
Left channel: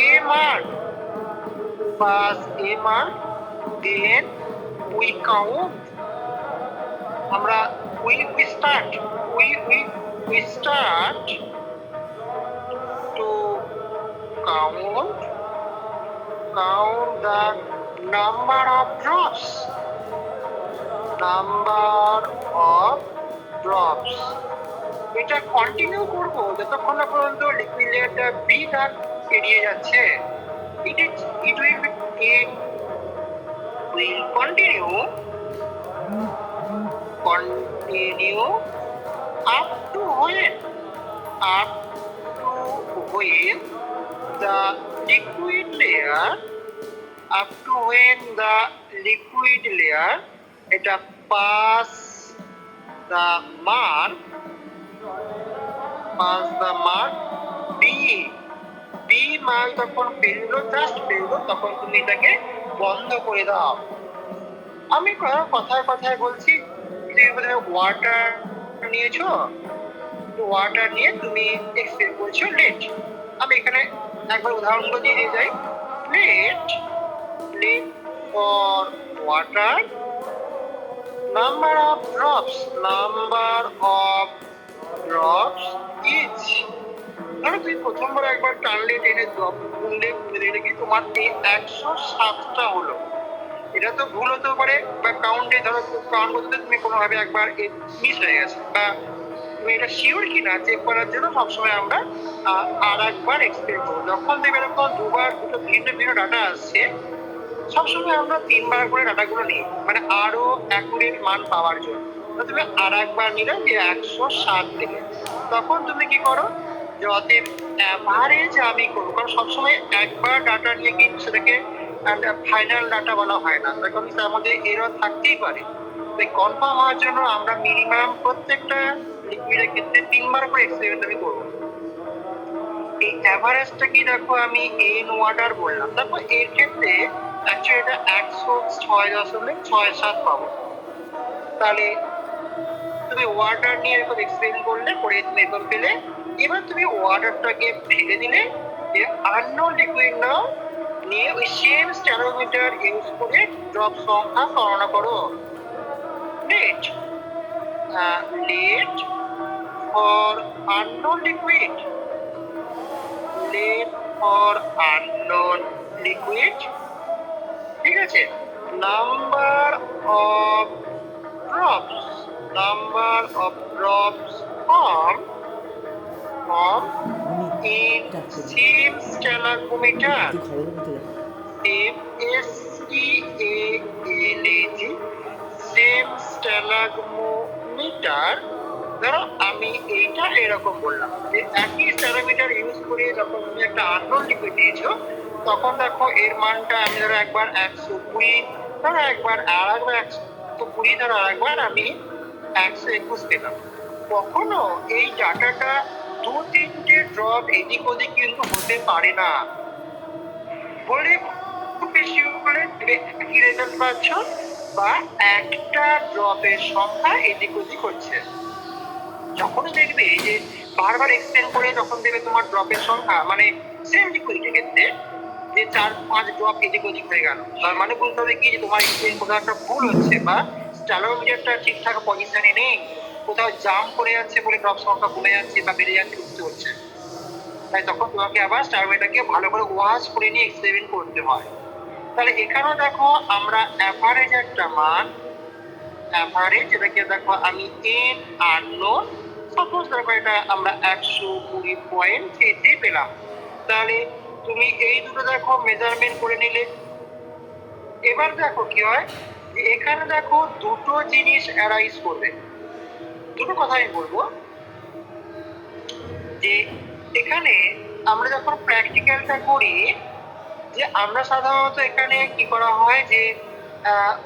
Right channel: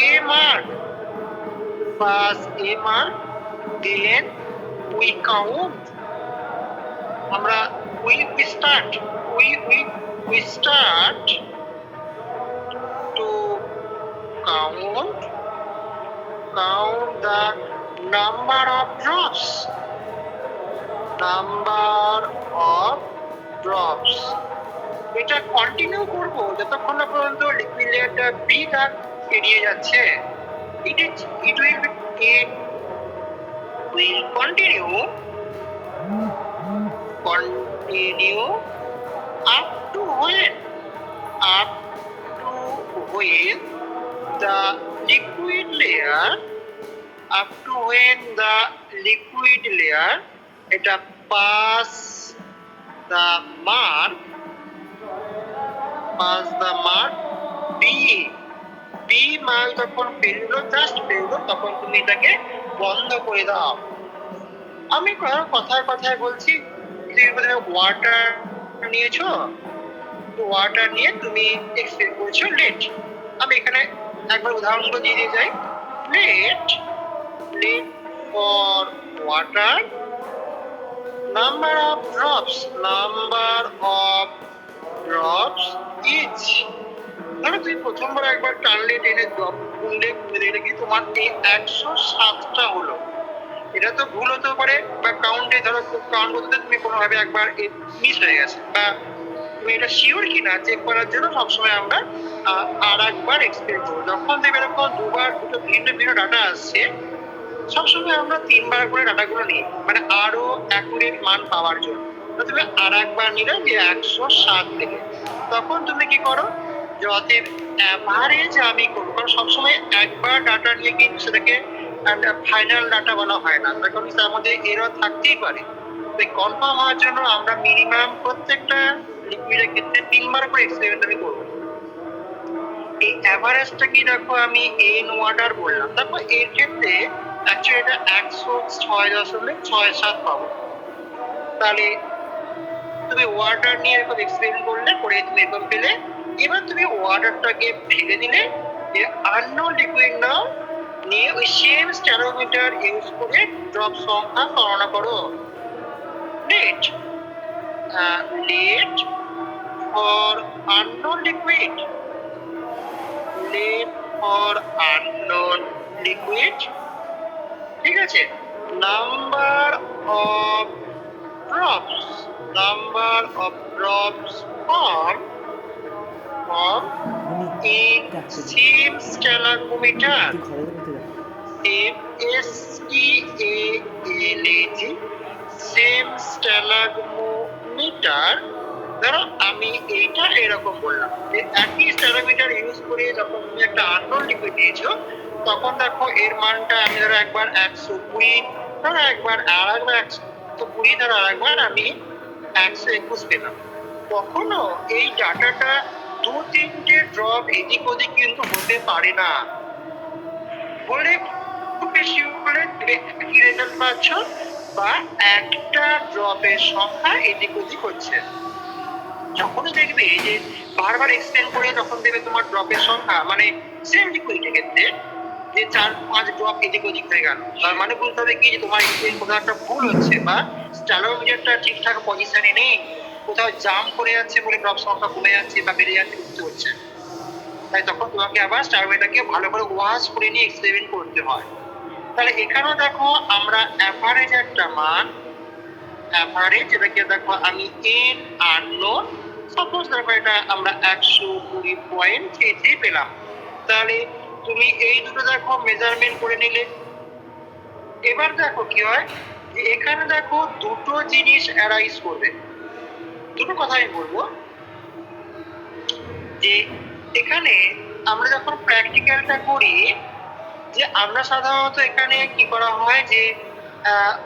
a mark then we count, আমরা we start to count the number of drops এটা কন্টিনিউ করব যতক্ষণ না পর্যন্ত লিকুইড লেয়ারটা বি দাগ এড়িয়ে যাচ্ছে। it will continue up to when the liquid layer এটা pass the mark B mark যখন পেরোলো জাস্ট পেরোলো তখন তুমি এটাকে বন্ধ করে দাও। আমি কথায় বলছি, তুমি প্রথমে ওয়াটার নিয়েছো, ওয়াটার নিয়ে তুমি এক্সপ্লেন করছো লেট। আমি এখানে একবার উদাহরণগুলো দিয়ে যাই। Let for water, number of drops is, ধরো তুমি প্রথমবার একবার টানলে টেনে ড্রপ গুনলে দেখলে কি তোমার এই 107টা হলো। এটা তো ভুল হতে পারে বা কাউন্টে ধরো কাউন্ট করতে তুমি কোনোভাবে একবার মিস হয়ে গেছে বা তুমি এটা শিওর কিনা চেক করার জন্য সবসময় আমরা আর একবার এক্সপ্লেন করবো। যখন দেখবে এরকম দুটো ভিন্ন ভিন্ন ডাটা আসছে সবসময় আমরা 3বার করে ডাটাগুলো নিই, মানে আরো অ্যাকুরেট মান পাওয়ার জন্য। তুমি আর একবার নিলে যে 107 থেকে, তখন তুমি কি করো যে অতএব অ্যাভারেজ আমি করবো, কারণ সবসময় একবার ডাটা নিয়ে কিন্তু সেটাকে ফাইনাল ডাটা বলা হয় না, তখন তার মধ্যে এরর থাকতেই পারে। তাই কনফার্ম হওয়ার জন্য আমরা মিনিমাম প্রত্যেকটা লিকুইডের ক্ষেত্রে 3বার করে এক্সপেরিমেন্ট আমি করবো। এই অ্যাভারেজটা কি দেখো আমি এন ওয়াটার বললাম, তারপর এর ক্ষেত্রে অ্যাকচুয়ালি এটা 106.67 পাবো। তাহলে তুমি ওয়াটার নিয়ে এরকম এক্সপেরিমেন্ট করলে করে তুমি এরকম পেলে, এবার তুমি ওয়াটারটাকে ফেলে দিলে আননোন লিকুইড নাও নিয়ে ওই সেম স্ট্যানোমিটার ইউজ করে ড্রপ সংখ্যা গণনা করো। লেট ফর আননোন লিকুইড, ঠিক আছে, number of drops form in same stalagmometer, same stalagmometer। ধরো আমি এইটা এরকম বললাম যে একই স্ট্যানোমিটার ইউজ করে যখন তুমি একটা আননোন লিকুইড দিয়েছো তখন দেখো এর মানটা আমি ধরো একবার 120 ধর একবার আর একবার 120, ধর আর একবার আমি 121 পেলাম। কখনো এই ডাটাটা 2-3টে ড্রপ এদিক ওদিক কিন্তু হতে পারে না। বলে খুব বেশি হলে একই রেজাল্ট পাচ্ছ, বা একটা ড্রপের সংখ্যা এদিক ওদিক হচ্ছে। যখনই দেখবে যে বারবার এক্সটেন্ড করে যখন দেবে তোমার ড্রপের সংখ্যা, মানে সেম লিকুইডের ক্ষেত্রে যে 4-5 ড্রপ এদিক ওদিক হয়ে গেল, তার মানে বলতে হবে কি যে তোমার এক্সটেন্ড কোথাও একটা ভুল হচ্ছে, বা স্ট্যালোমিটারটা ঠিকঠাক পজিশনে নেই, কোথাও জাম করে যাচ্ছে বলে ড্রপ সংখ্যা কমে যাচ্ছে বা বেড়ে যাচ্ছে বুঝতে হচ্ছে। তাই তখন তোমাকে আবার স্ট্যালোমিটারকে ভালো করে ওয়াশ করে নিয়ে এক্সপেরিমেন্ট করতে হয়। তাহলে এখানেও দেখো আমরা অ্যাভারেজ একটা মান, অ্যাভারেজ এটাকে দেখো আমি এন আননোন, সাপোজ দেখো এটা আমরা 120.33 পেলাম। তাহলে তুমি এই দুটো দেখো মেজারমেন্ট করে নিলে। এবার দেখো কি হয়, এখানে দেখো দুটো জিনিস অ্যারাইজ করবে। দুটো কথা আমি বলবো যে এখানে আমরা যখন প্র্যাকটিক্যালটা করি, যে আমরা সাধারণত এখানে কি করা হয় যে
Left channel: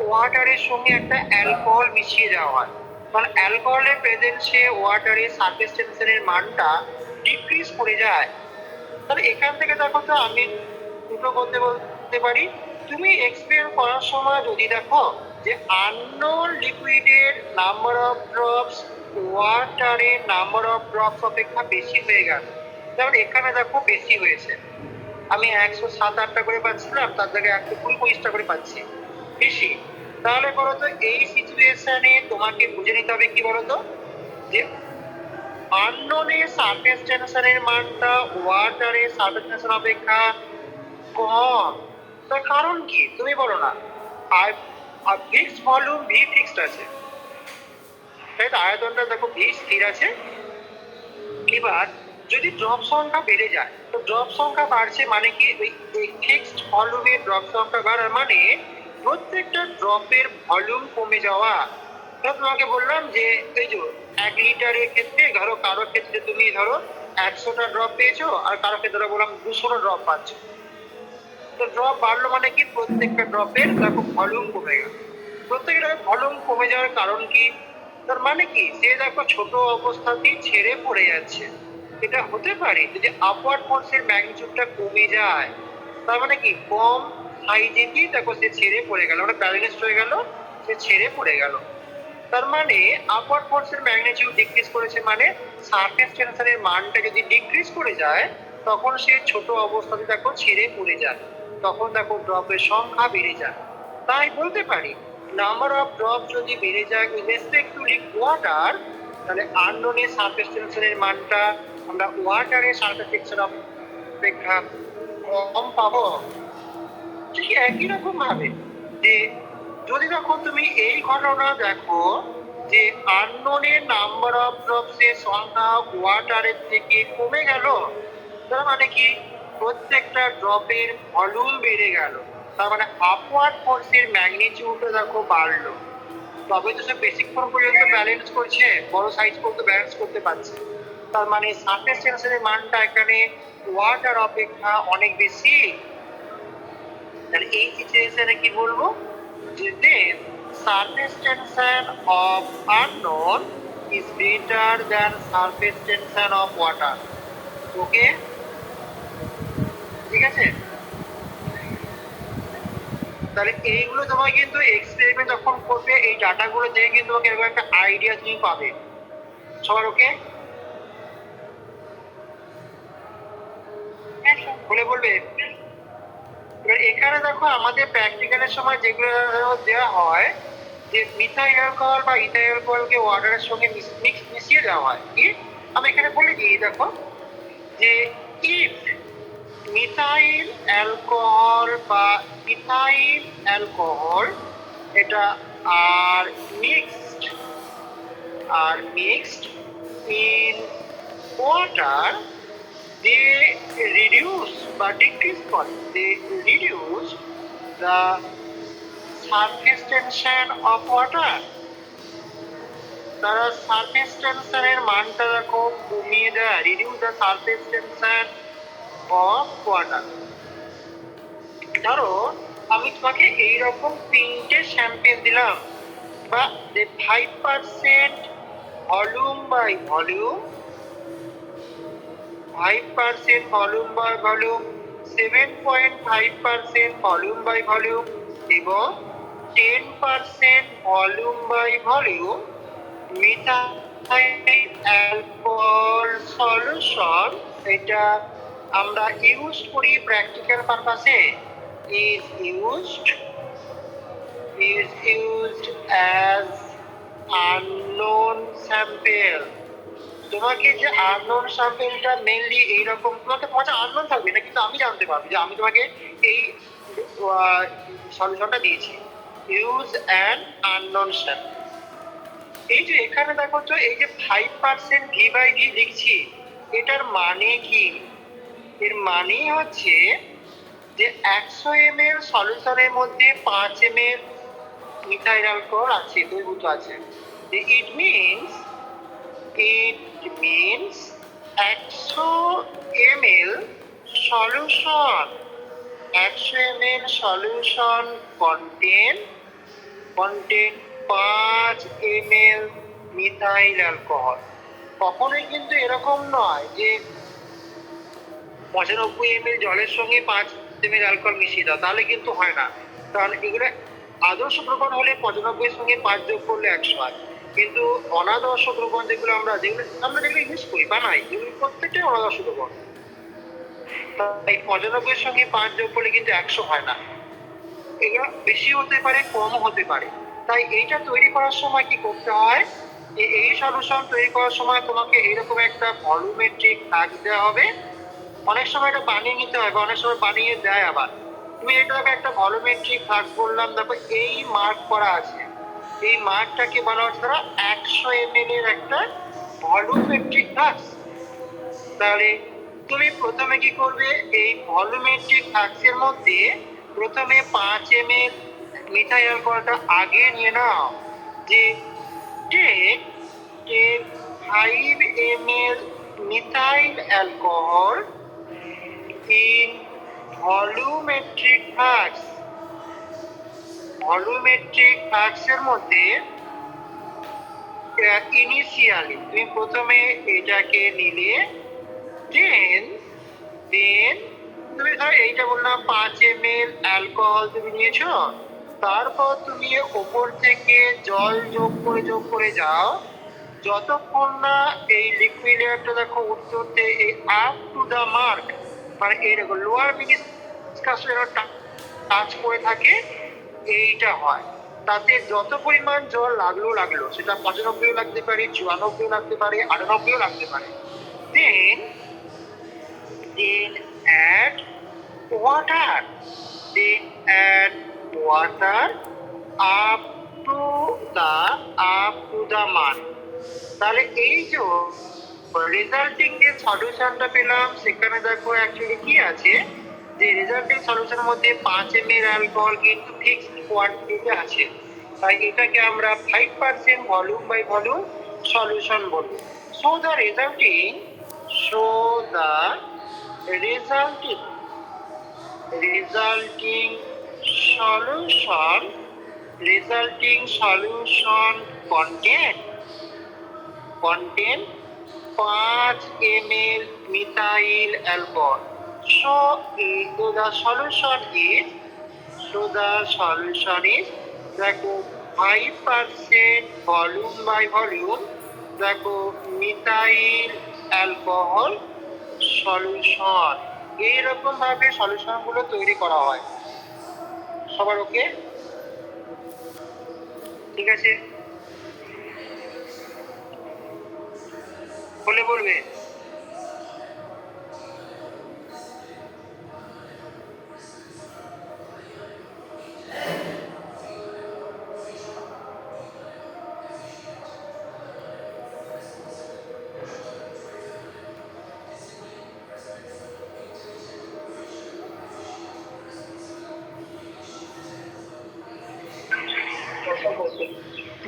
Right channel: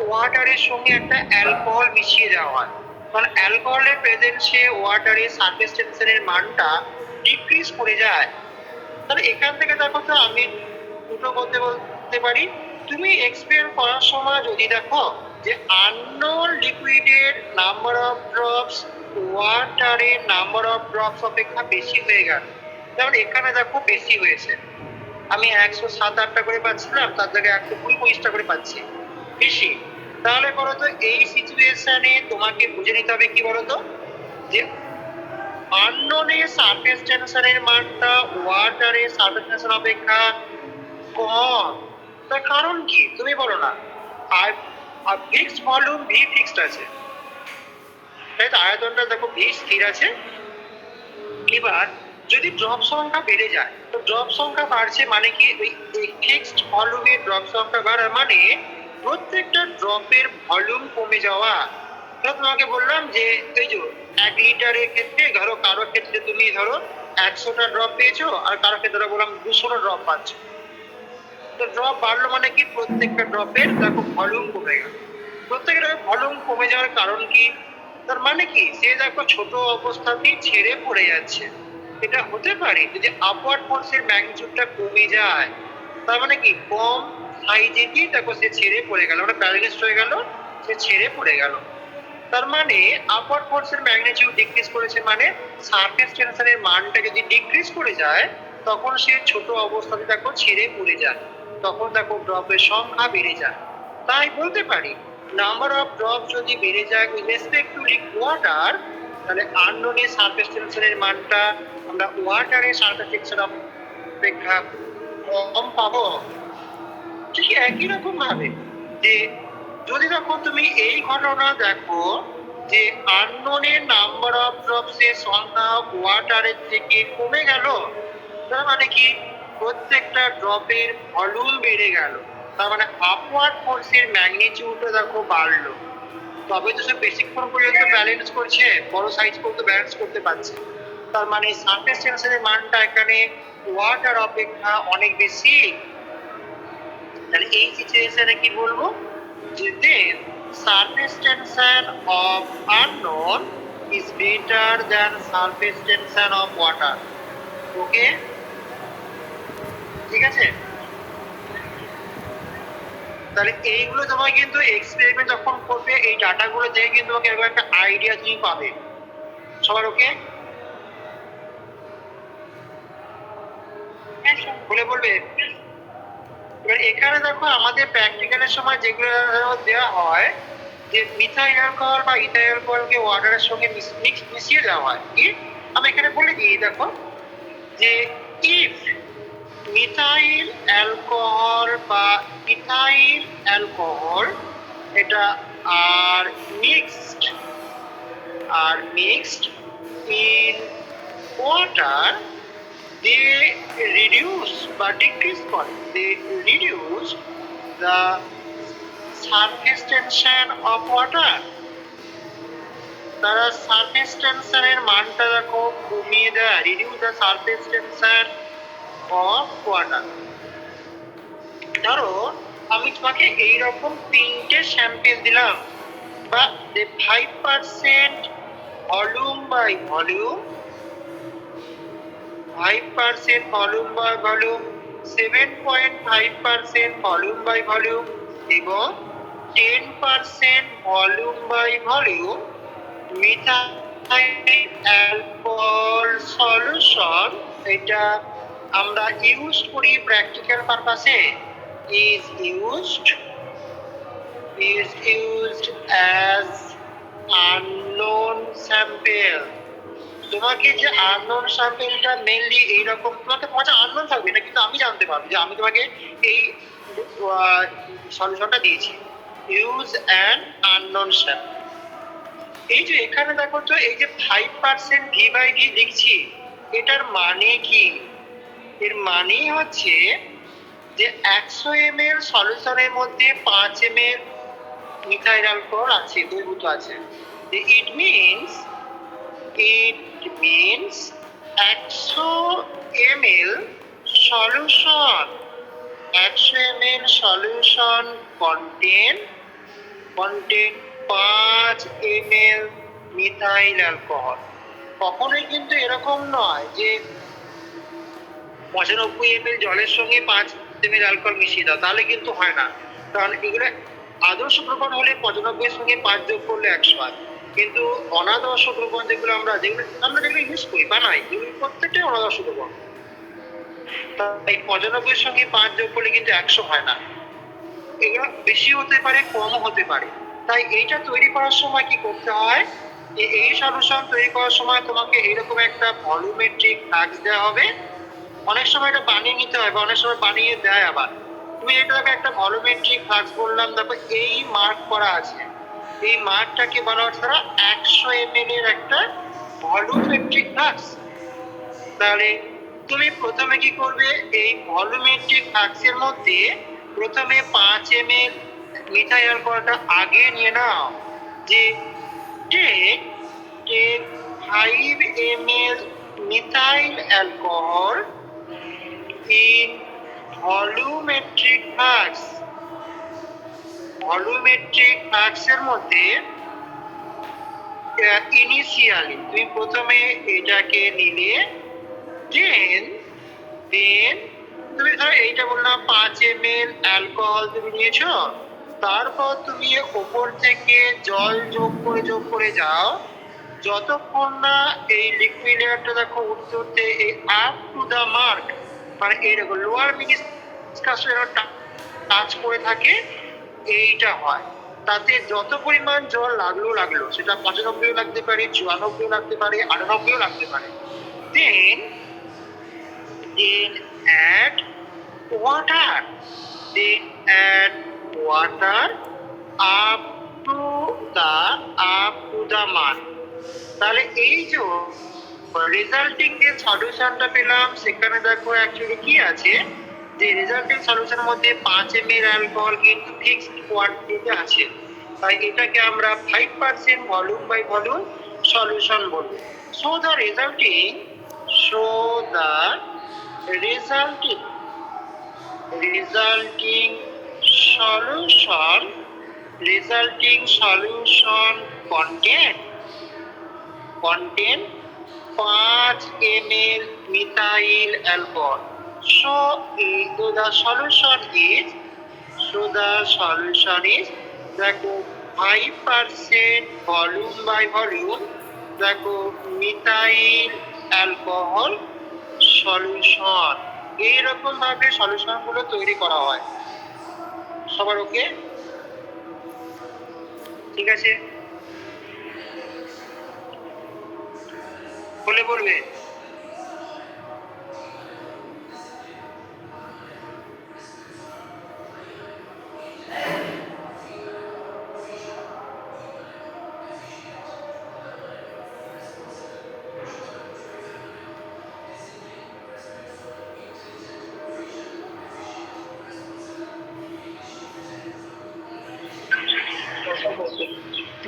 ওয়াটারের সঙ্গে একটা অ্যালকোহল মিশিয়ে দেওয়া হয়, কারণ অ্যালকোহলের প্রেজেন্সে ওয়াটারের সারফেস টেনশনের মানটা ডিক্রিজ করে যায়। তাহলে এখান থেকে দেখো তো আমি দুটো বলতে পারি, তুমি এক্সপেরিমেন্ট করার সময় যদি দেখো যে আননোন লিকুইডের নাম্বার অফ ড্রপস ওয়াটারের নাম্বার অফ ড্রপস অপেক্ষা বেশি হয়ে গেল, যেমন এখানে দেখো বেশি হয়েছে, আমি 107-8টা করে পাচ্ছিলাম, তার জায়গায় 120-25টা করে পাচ্ছি, বেশি। তাহলে বলতো এই সিচুয়েশনে তোমাকে বুঝে নিতে হবে কি বলতো, যে আননোনের সারফেস টেনশনের মানটা ওয়াটারের সারফেস টেনশন অপেক্ষা কম। তার কারণ কি তুমি বলো না? আর ফিক্সড ভলিউম ভি ফিক্সড আছে, তাই তো আয়তনটা দেখো ভি স্থির আছে। এবার যদি ড্রপ সংখ্যা বেড়ে যায়, তো ড্রপ সংখ্যা বাড়ছে মানে কি, ওই ফিক্সড ভলিউমের ড্রপ সংখ্যা বাড়া মানে প্রত্যেকটা ড্রপের ভলিউম কমে যাওয়া। তো তোমাকে বললাম যে এই যে 1 লিটারের ক্ষেত্রে ধরো কারো ক্ষেত্রে তুমি ধরো 100টা ড্রপ পেয়েছো, আর কারো ক্ষেত্রে বললাম 200টা ড্রপ পাচ্ছ। তো ড্রপ বাড়লো মানে কি, প্রত্যেকটা ড্রপের দেখো ভলিউম কমে গেল। প্রত্যেকটা ভলিউম কমে যাওয়ার কারণ কি, তার মানে কি সে দেখো ছোট অবস্থাতেই ছেড়ে পড়ে যাচ্ছে। এটা হতে পারে যদি আপওয়ার্ড ফোর্সের ম্যাগনিটিউডটা কমে যায়, তার মানে কি কম সাইজেতেই দেখো সে ছেড়ে পড়ে গেল, মানে ব্যালেন্স হয়ে গেল, সে ছেড়ে পড়ে গেল। তার মানে আপওয়ার্ড ফোর্সের ম্যাগনিটিউড ডিক্রিজ করেছে, মানে সারফেস টেনশনের মানটা যদি ডিক্রিজ করে যায়, তখন সে ছোট অবস্থাতে দেখো ছেড়ে পড়ে যায়, তখন দেখো ড্রপের সংখ্যা বেড়ে যায়। তাই বলতে পারি নাম্বার অফ ড্রপ যদি বেড়ে যায় উইথ রেসপেক্ট টু ওয়াটার, তাহলে আননোনের সারফেস টেনশনের মানটা আমরা ওয়াটারের সারফেস টেনশন অপেক্ষা কম পাবো। ঠিক একই রকম ভাবে যে যদি দেখো তুমি এই ঘটনা দেখো যে আননোনের নাম্বার অফ ড্রপস এর সংখ্যা ওয়াটারের থেকে কমে গেল, তার মানে কি প্রত্যেকটা ড্রপের ভলিউম বেড়ে গেল, তার মানে আপওয়ার্ড ফোর্সের ম্যাগনিটিউডও দেখো বাড়লো। তবে তো সে বেশিক্ষণ পর্যন্ত ব্যালেন্স করছে, বড় সাইজ পর্যন্ত ব্যালেন্স করতে পারছে, তার মানে সারফেস টেনশনের মানটা এখানে ওয়াটার অপেক্ষা অনেক বেশি। তাহলে এই সিচুয়েশনে কি বলবো, যে then surface tension of unknown is better than surface tension of water. Okay, ঠিক আছে। তাহলে এইগুলো তোমায় কিন্তু এক্সপেরিমেন্ট যখন করবে, এই ডাটাগুলো দেখে কিন্তু তোমাকে এরকম একটা আইডিয়া তুমি পাবে। সবার ওকে? বলে বলবে। এবার এখানে দেখো আমাদের প্র্যাকটিক্যালের সময় যেগুলো দেওয়া হয়, যে মিথাইল অ্যালকোহল বা ইথাইল অ্যালকোহলকে ওয়াটারের সঙ্গে মিশিয়ে দেওয়া হয়। কি আমি এখানে বলে দিই দেখো, যে ইফ মিথাইল অ্যালকোহল বা ইথাইল অ্যালকোহল এটা আর mixed in water, they reduce বা decrease করে, they reduce the surface tension of water। তারা সারফেস টেনশনের মানটা দেখো কমিয়ে দেয়, reduce the surface tension of water. ধরো আমি তোমাকে এইরকম 3টে স্যাম্পেল দিলাম, বা 5% volume by volume, 5% volume by volume, 7.5% volume by volume এবং 10% volume by volume methyl alcohol solution. এটা আমরা ইউজ করি প্র্যাকটিক্যাল পারপাসে। is used as unknown sample। তোমাকে যে আননোন স্যাম্পেলটা মেইনলি এইরকম, তোমাকে মজা আননোন থাকবে না, কিন্তু আমি জানতে পারবো যে আমি তোমাকে এই সলিউশনটা দিয়েছি। Use an unknown sample. এই যে এখানে দেখো তো, এই যে 5% ভি বাই ভি লিখছি, এটার মানে কি? এর মানে হচ্ছে যে 100 ml সলিউশনের মধ্যে 5 ml মিথাইল অ্যালকোহল আছে, দ্রবীভূত আছে। It means 100 ml solution, 100 ml solution contain 5 ml methyl alcohol. কখনোই কিন্তু এরকম নয় যে 95 ml জলের সঙ্গে 5 ml অ্যালকোহল মিশিয়ে দাও, তাহলে কিন্তু হয় না। কারণ এগুলো আদর্শ দ্রবণ হলে 95 এর সঙ্গে 5 যোগ করলে 100 হয়, কিন্তু অনাদর্শ দ্রবণ যেগুলো আমরা যেগুলো ইউজ করি বানাই, এগুলো প্রত্যেকটাই অনাদর্শ দ্রবণ। তাই 95 এর সঙ্গে 5 যোগ করলে কিন্তু 100 হয় না। এগুলো বেশি হতে পারে, কমও হতে পারে। তাই এইটা তৈরি করার সময় কি করতে হয়, যে এই সলিউশন তৈরি করার সময় তোমাকে এইরকম একটা ভলিউমেট্রিক ফ্লাক্স দেওয়া হবে। অনেক সময় এটা বানিয়ে নিতে হয়, বা অনেক সময় বানিয়ে দেয় আবার। তুমি এটাকে একটা ভলিউমেট্রিক ফ্লাক্স বললাম, দেখো এই মার্ক করা আছে, এই মার্কটাকে বলা হচ্ছে ধরো 100 ml এর একটা ভলিউমেট্রিক ফ্লাক্স। তাহলে তুমি প্রথমে কি করবে, এই ভলিউমেট্রিক ফ্লাক্সের মধ্যে প্রথমে 5 ml মিথাইল অ্যালকোহলটা আগে নিয়ে নাও, যে take 5 ml methyl alcohol in volumetric flask। Volumetric ফ্লাক্সের মধ্যে ইনিশিয়ালি তুমি প্রথমে এটাকে নিলে, দেন তুমি ধরো এইটা বললাম 5 ml অ্যালকোহল তুমি নিয়েছো, তারপর তুমি ওপর থেকে জল যোগ করে যাও, যতক্ষণ না এই লিকুইড লেয়ারটা দেখো উঠতে উঠতে এই আপ টু দা মার্ক, মানে এইরকম লোয়ার মিনিস্কাসের টাচ করে থাকে, এইটা হয়। তাতে যত পরিমাণ জল লাগলো, সেটা 95 লাগতে পারে, 94 লাগতে পারে, 98 লাগতে পারে। দেন add water, up to the mark। তাহলে এই যে রেজাল্টিং যে সলিউশনটা পেলাম, সেখানে দেখো অ্যাকচুয়ালি কি আছে, যে রেজাল্টিং সলিউশনের মধ্যে 5 ml অ্যালকোহল কিন্তু ফিক্সড কোয়ান্টিটিতে আছে। তাই এটাকে আমরা 5% ভলিউম বাই ভলিউম সলিউশন বলবো। So the resulting solution contain 5 ml methyl alcohol। So the solution is দেখো 5% ভলিউম বাই ভলিউম, দেখো মিথাইল অ্যালকোহল সলিউশন। এইরকম ভাবে সলিউশন গুলো তৈরি করা হয়। সবার ওকে? ঠিক আছে, বলে বলবে।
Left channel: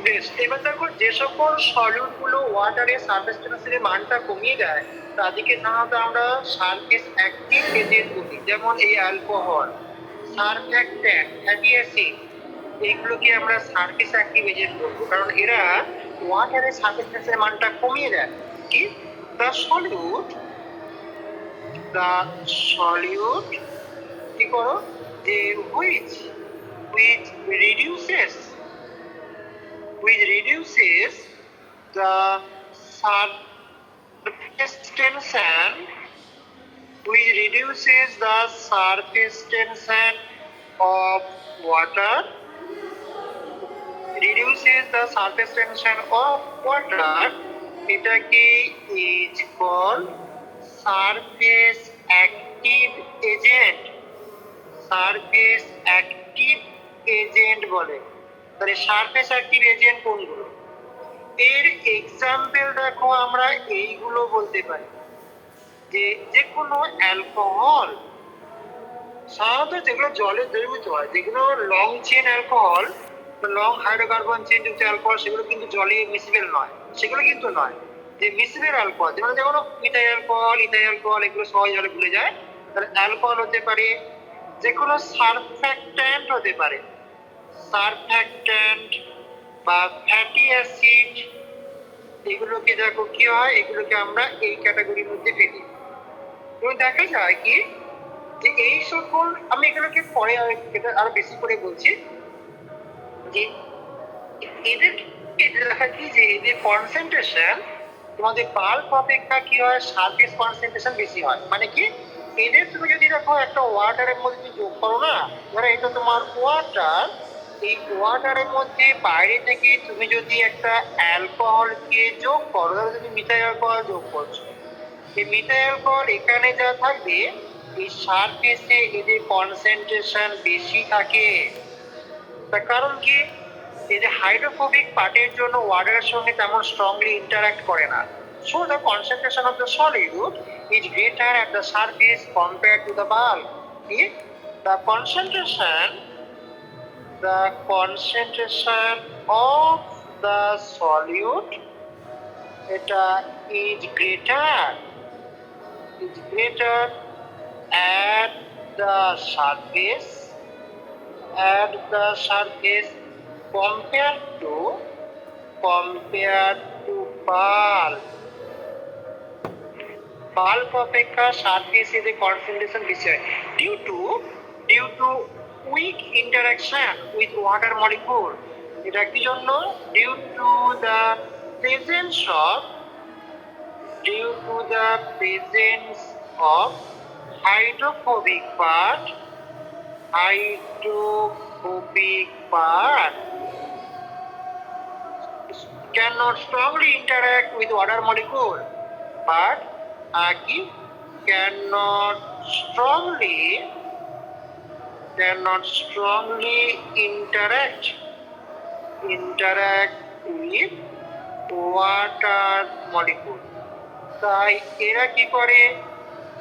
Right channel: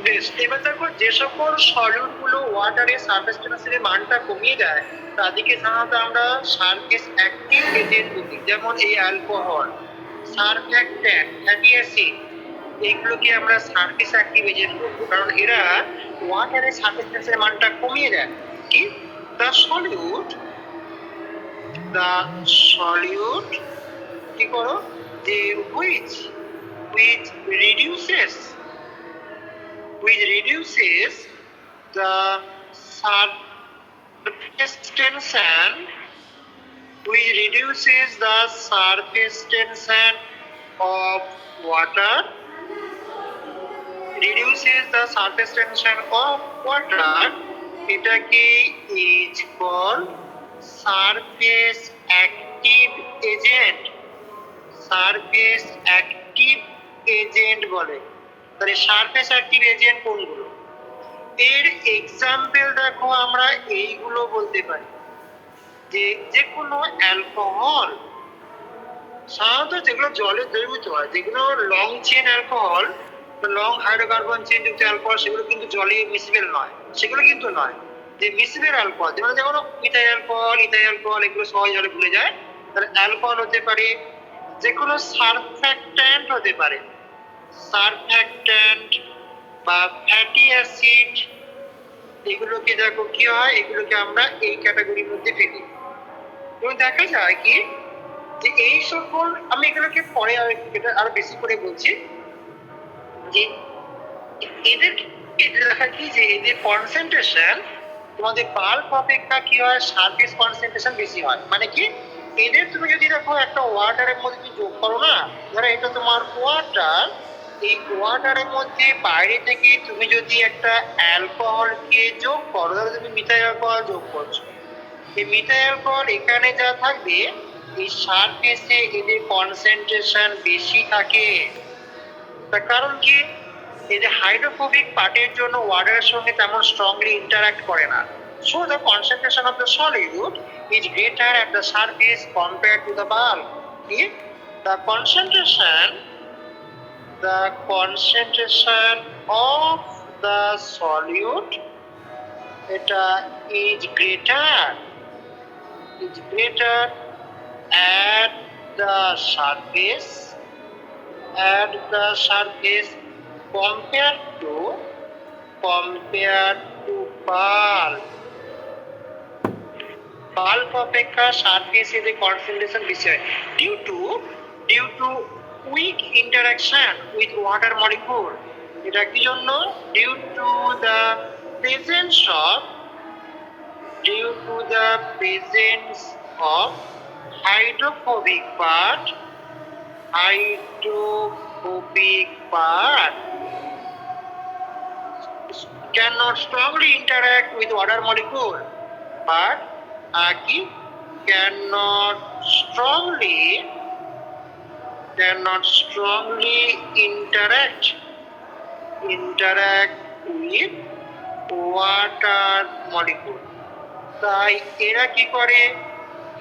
বেশ, এবার দেখো যে সকল সলিউট গুলো ওয়াটারের সারফেস টেম্পারেচারের মানটা কমিয়ে দেয়, তাদেরকে সাধারণত আমরা সারফেস অ্যাক্টিভ এজেন্ট বলি। যেমন এই অ্যালকোহল সারফ্যাক্ট্যান্ট, ফ্যাটি অ্যাসিড, এইগুলোকে আমরা সারফেস অ্যাক্টিভ এজেন্ট বলবো, কারণ এরা ওয়াটারের সারফেস টেন্সের মানটা কমিয়ে দেয়। কি? দ্য সলিউট, দ্য সলিউট কি করো যে which which reduces the surface tension, which reduces the surface tension of water, এটাকে is called surface active agent, surface active agent বলে। তাহলে সারফেস অ্যাক্টিভ এজেন্ট কোনগুলো? এর এক্সাম্পল দেখো, আমরা এইগুলো বলতে পারি যে যে কোনো অ্যালকোহল, সাধারণত যেগুলো জলে দ্রবীভূত হয়, যেগুলো long chain alcohol, long hydrocarbon chain যুক্ত অ্যালকোহল, সেগুলো কিন্তু জলে মিসিবল নয়, সেগুলো কিন্তু নয়। যে মিসিবল অ্যালকোহল, যেমন মিথাইল অ্যালকোহল, ইথাইল অ্যালকোহল, এগুলো সহজ জলে ভুলে যায়। তাহলে অ্যালকোহল হতে পারে, যে কোনো সারফ্যাক্ট্যান্ট হতে পারে, সারফ্যাক্ট্যান্ট বা ফ্যাটি অ্যাসিড, এগুলোকে দেখো কি হয়, এগুলোকে আমরা এই ক্যাটাগরির মধ্যে ফেলি। এবং দেখা যায় কি যে এই সকল, আমি এগুলোকে পরে আরো বেশি করে বলছি, যে এদের দেখা কি যে এদের কনসেন্ট্রেশন তোমাদের বাল্ক অপেক্ষা কি হয়, সারফেস কনসেন্ট্রেশন বেশি হয়। মানে কি, এদের তুমি যদি দেখো একটা ওয়াটারের মধ্যে যোগ করো না, ধরো এটা তোমার ওয়াটার, এই ওয়াটারের মধ্যে বাইরে থেকে তুমি যদি একটা অ্যালকোহলকে যোগ করো, ধরো তুমি মিথাইল অ্যালকোহল যোগ করছো, এই মিথাইল অ্যালকোহল এখানে যা থাকবে, এই সারফেসে এদের কনসেন্ট্রেশন বেশি থাকে। তার কারণ কি, এই যে হাইড্রোফোবিক পার্টের জন্য ওয়াটারের সঙ্গে তেমন স্ট্রংলি ইন্টারঅ্যাক্ট করে না। So the concentration of the solute is greater at the surface compared to the bulk. The concentration of the solute, এটা is greater at the surface compared to bulk. Bulk অপেক্ষা সারফেসে যে concentration বেশি হয়, due to weak interaction with water molecule. এটা কি জন্য? Due to the presence of hydrophobic part cannot strongly interact with water molecule, but cannot strongly interact with water molecule. তাই এরা কি করে,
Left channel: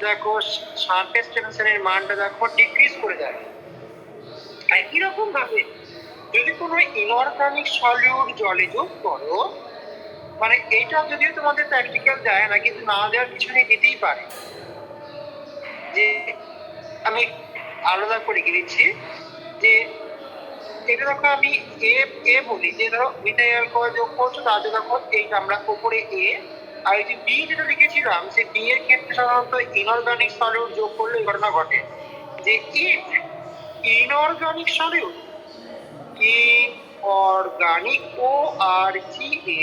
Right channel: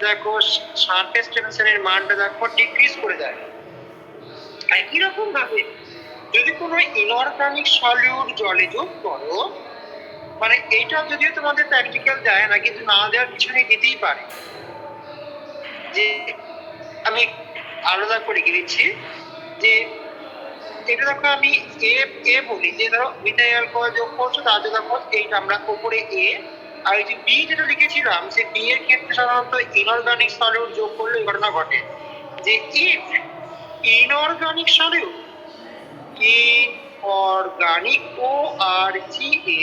দেখো সারফেস টেনশনের মানটা দেখো ডিক্রিজ করে দেয়। একই রকম ভাবে যদি কোনো ইনঅর্গানিক সলিউট জলে যোগ করো, মানে এইটা যদিও তোমাদের প্র্যাকটিক্যাল দেয় না, কিন্তু না দেওয়ার পিছনে দিতেই পারে। যে আমি আলাদা করে দিচ্ছি, যে এটা দেখো আমি এ বলি, যে ধরো মিথাইল অ্যালকোহল যোগ করছো, তাহলে দেখো এইটা আমরা উপরে এ, আর এই যে বি যেটা লিখেছিলাম, সে বি এর ক্ষেত্রে সাধারণত ইনঅর্গানিক সলিউট যোগ করলে এই ঘটনা ঘটে, যে if inorganic solute, inorganic ORGA,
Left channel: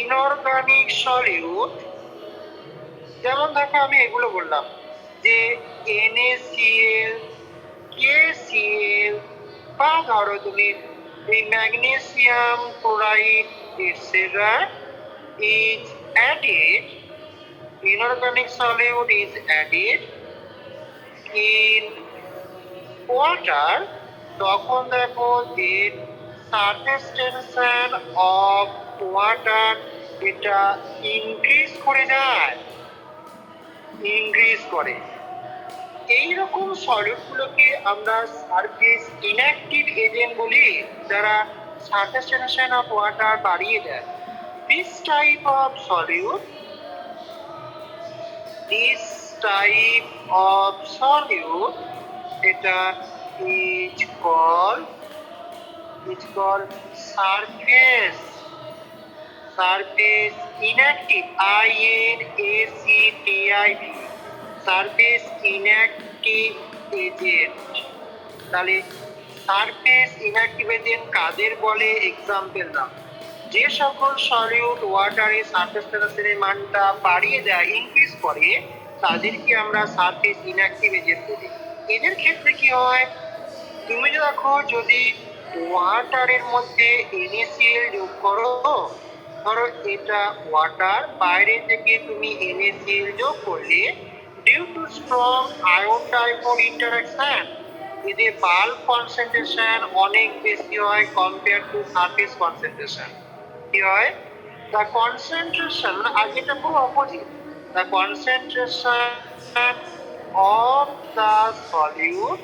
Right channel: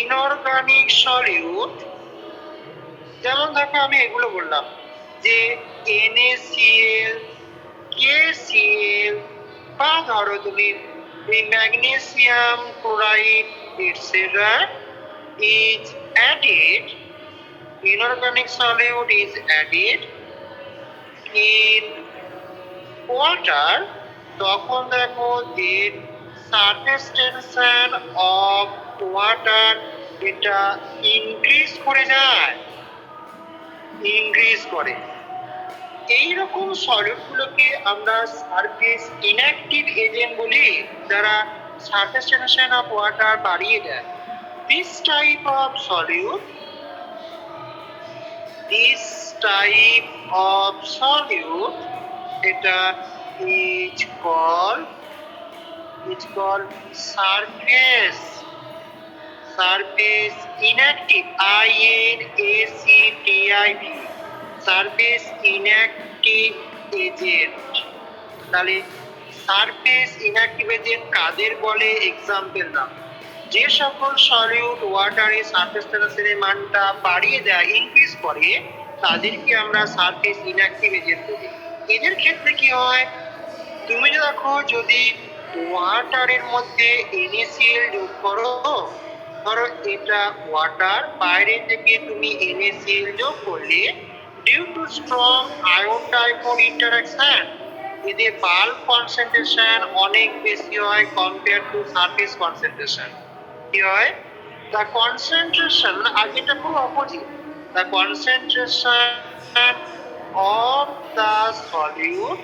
inorganic solute, যেমন দেখো আমি এগুলো বললাম যে NaCl, KCl, বা ধরো তুমি magnesium chloride etcetera is added, inorganic solute is added in water, তখন দেখো যে সারফেস টেনশন অফ ওয়াটার এটা ইনক্রিজ করে যায়, এইরকম সলিউটগুলোকে আমরা সারফেস ইনঅ্যাক্টিভ এজেন্ট বলি, যারা সারফেস টেনশন অফ ওয়াটার বাড়িয়ে দেয়। This type of solute এটা is call surface inactive INACTIV surface inactive agent. তাহলে সারফেস ইনঅ্যাক্টিভ এজেন্ট কাদের বলে? এক্সাম্পল দাও। যে সকল সলিউট ওয়াটারে সারফেস টেম্পারেচারের মানটা বাড়িয়ে দেয়, ইনক্রিজ করে, তাদেরকে আমরা সারফেস ইনঅ্যাক্টিভ এজেন্ট বলি। এদের ক্ষেত্রে কি হয়? তুমি দেখো, যদি ওয়াটারের মধ্যে NaCl যোগ করো, ধরো এটা ওয়াটার, বাইরে থেকে তুমি NaCl যোগ করলে, due to strong ion dipole interaction এদের বাল্ক কনসেন্ট্রেশন অনেক বেশি হয় কম্পেয়ার টু সারফেস কনসেন্ট্রেশন। কি হয়? দ্য কনসেন্ট্রেশন, আর যেটা পুরো opposite, the concentration of the solute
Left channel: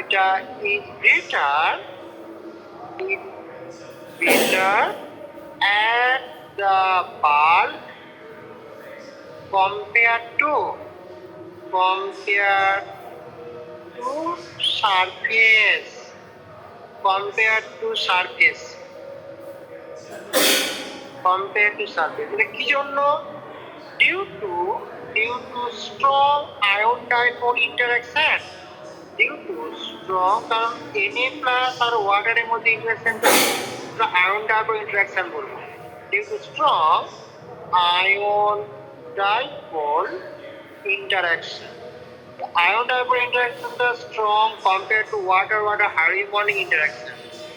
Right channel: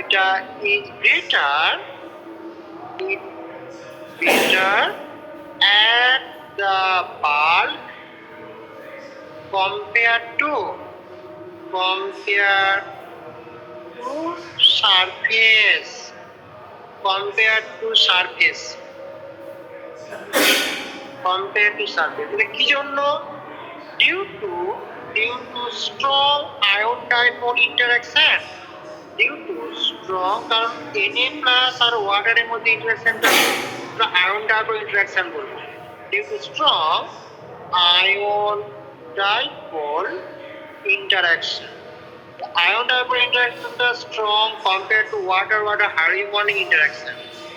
এটা is greater at the bulk compared to surface এটা কি জন্য? Due to strong ion dipole interaction, due to strong, কারণ Na প্লাস আর ওয়াটারের মধ্যে ইন্টারঅ্যাকশনটা আয়ন ডাইপোল ইন্টারঅ্যাকশন বলবো। Due to strong ion dipole interaction, ion dipole ইন্টারঅ্যাকশনটা strong compare to water hydronic interaction.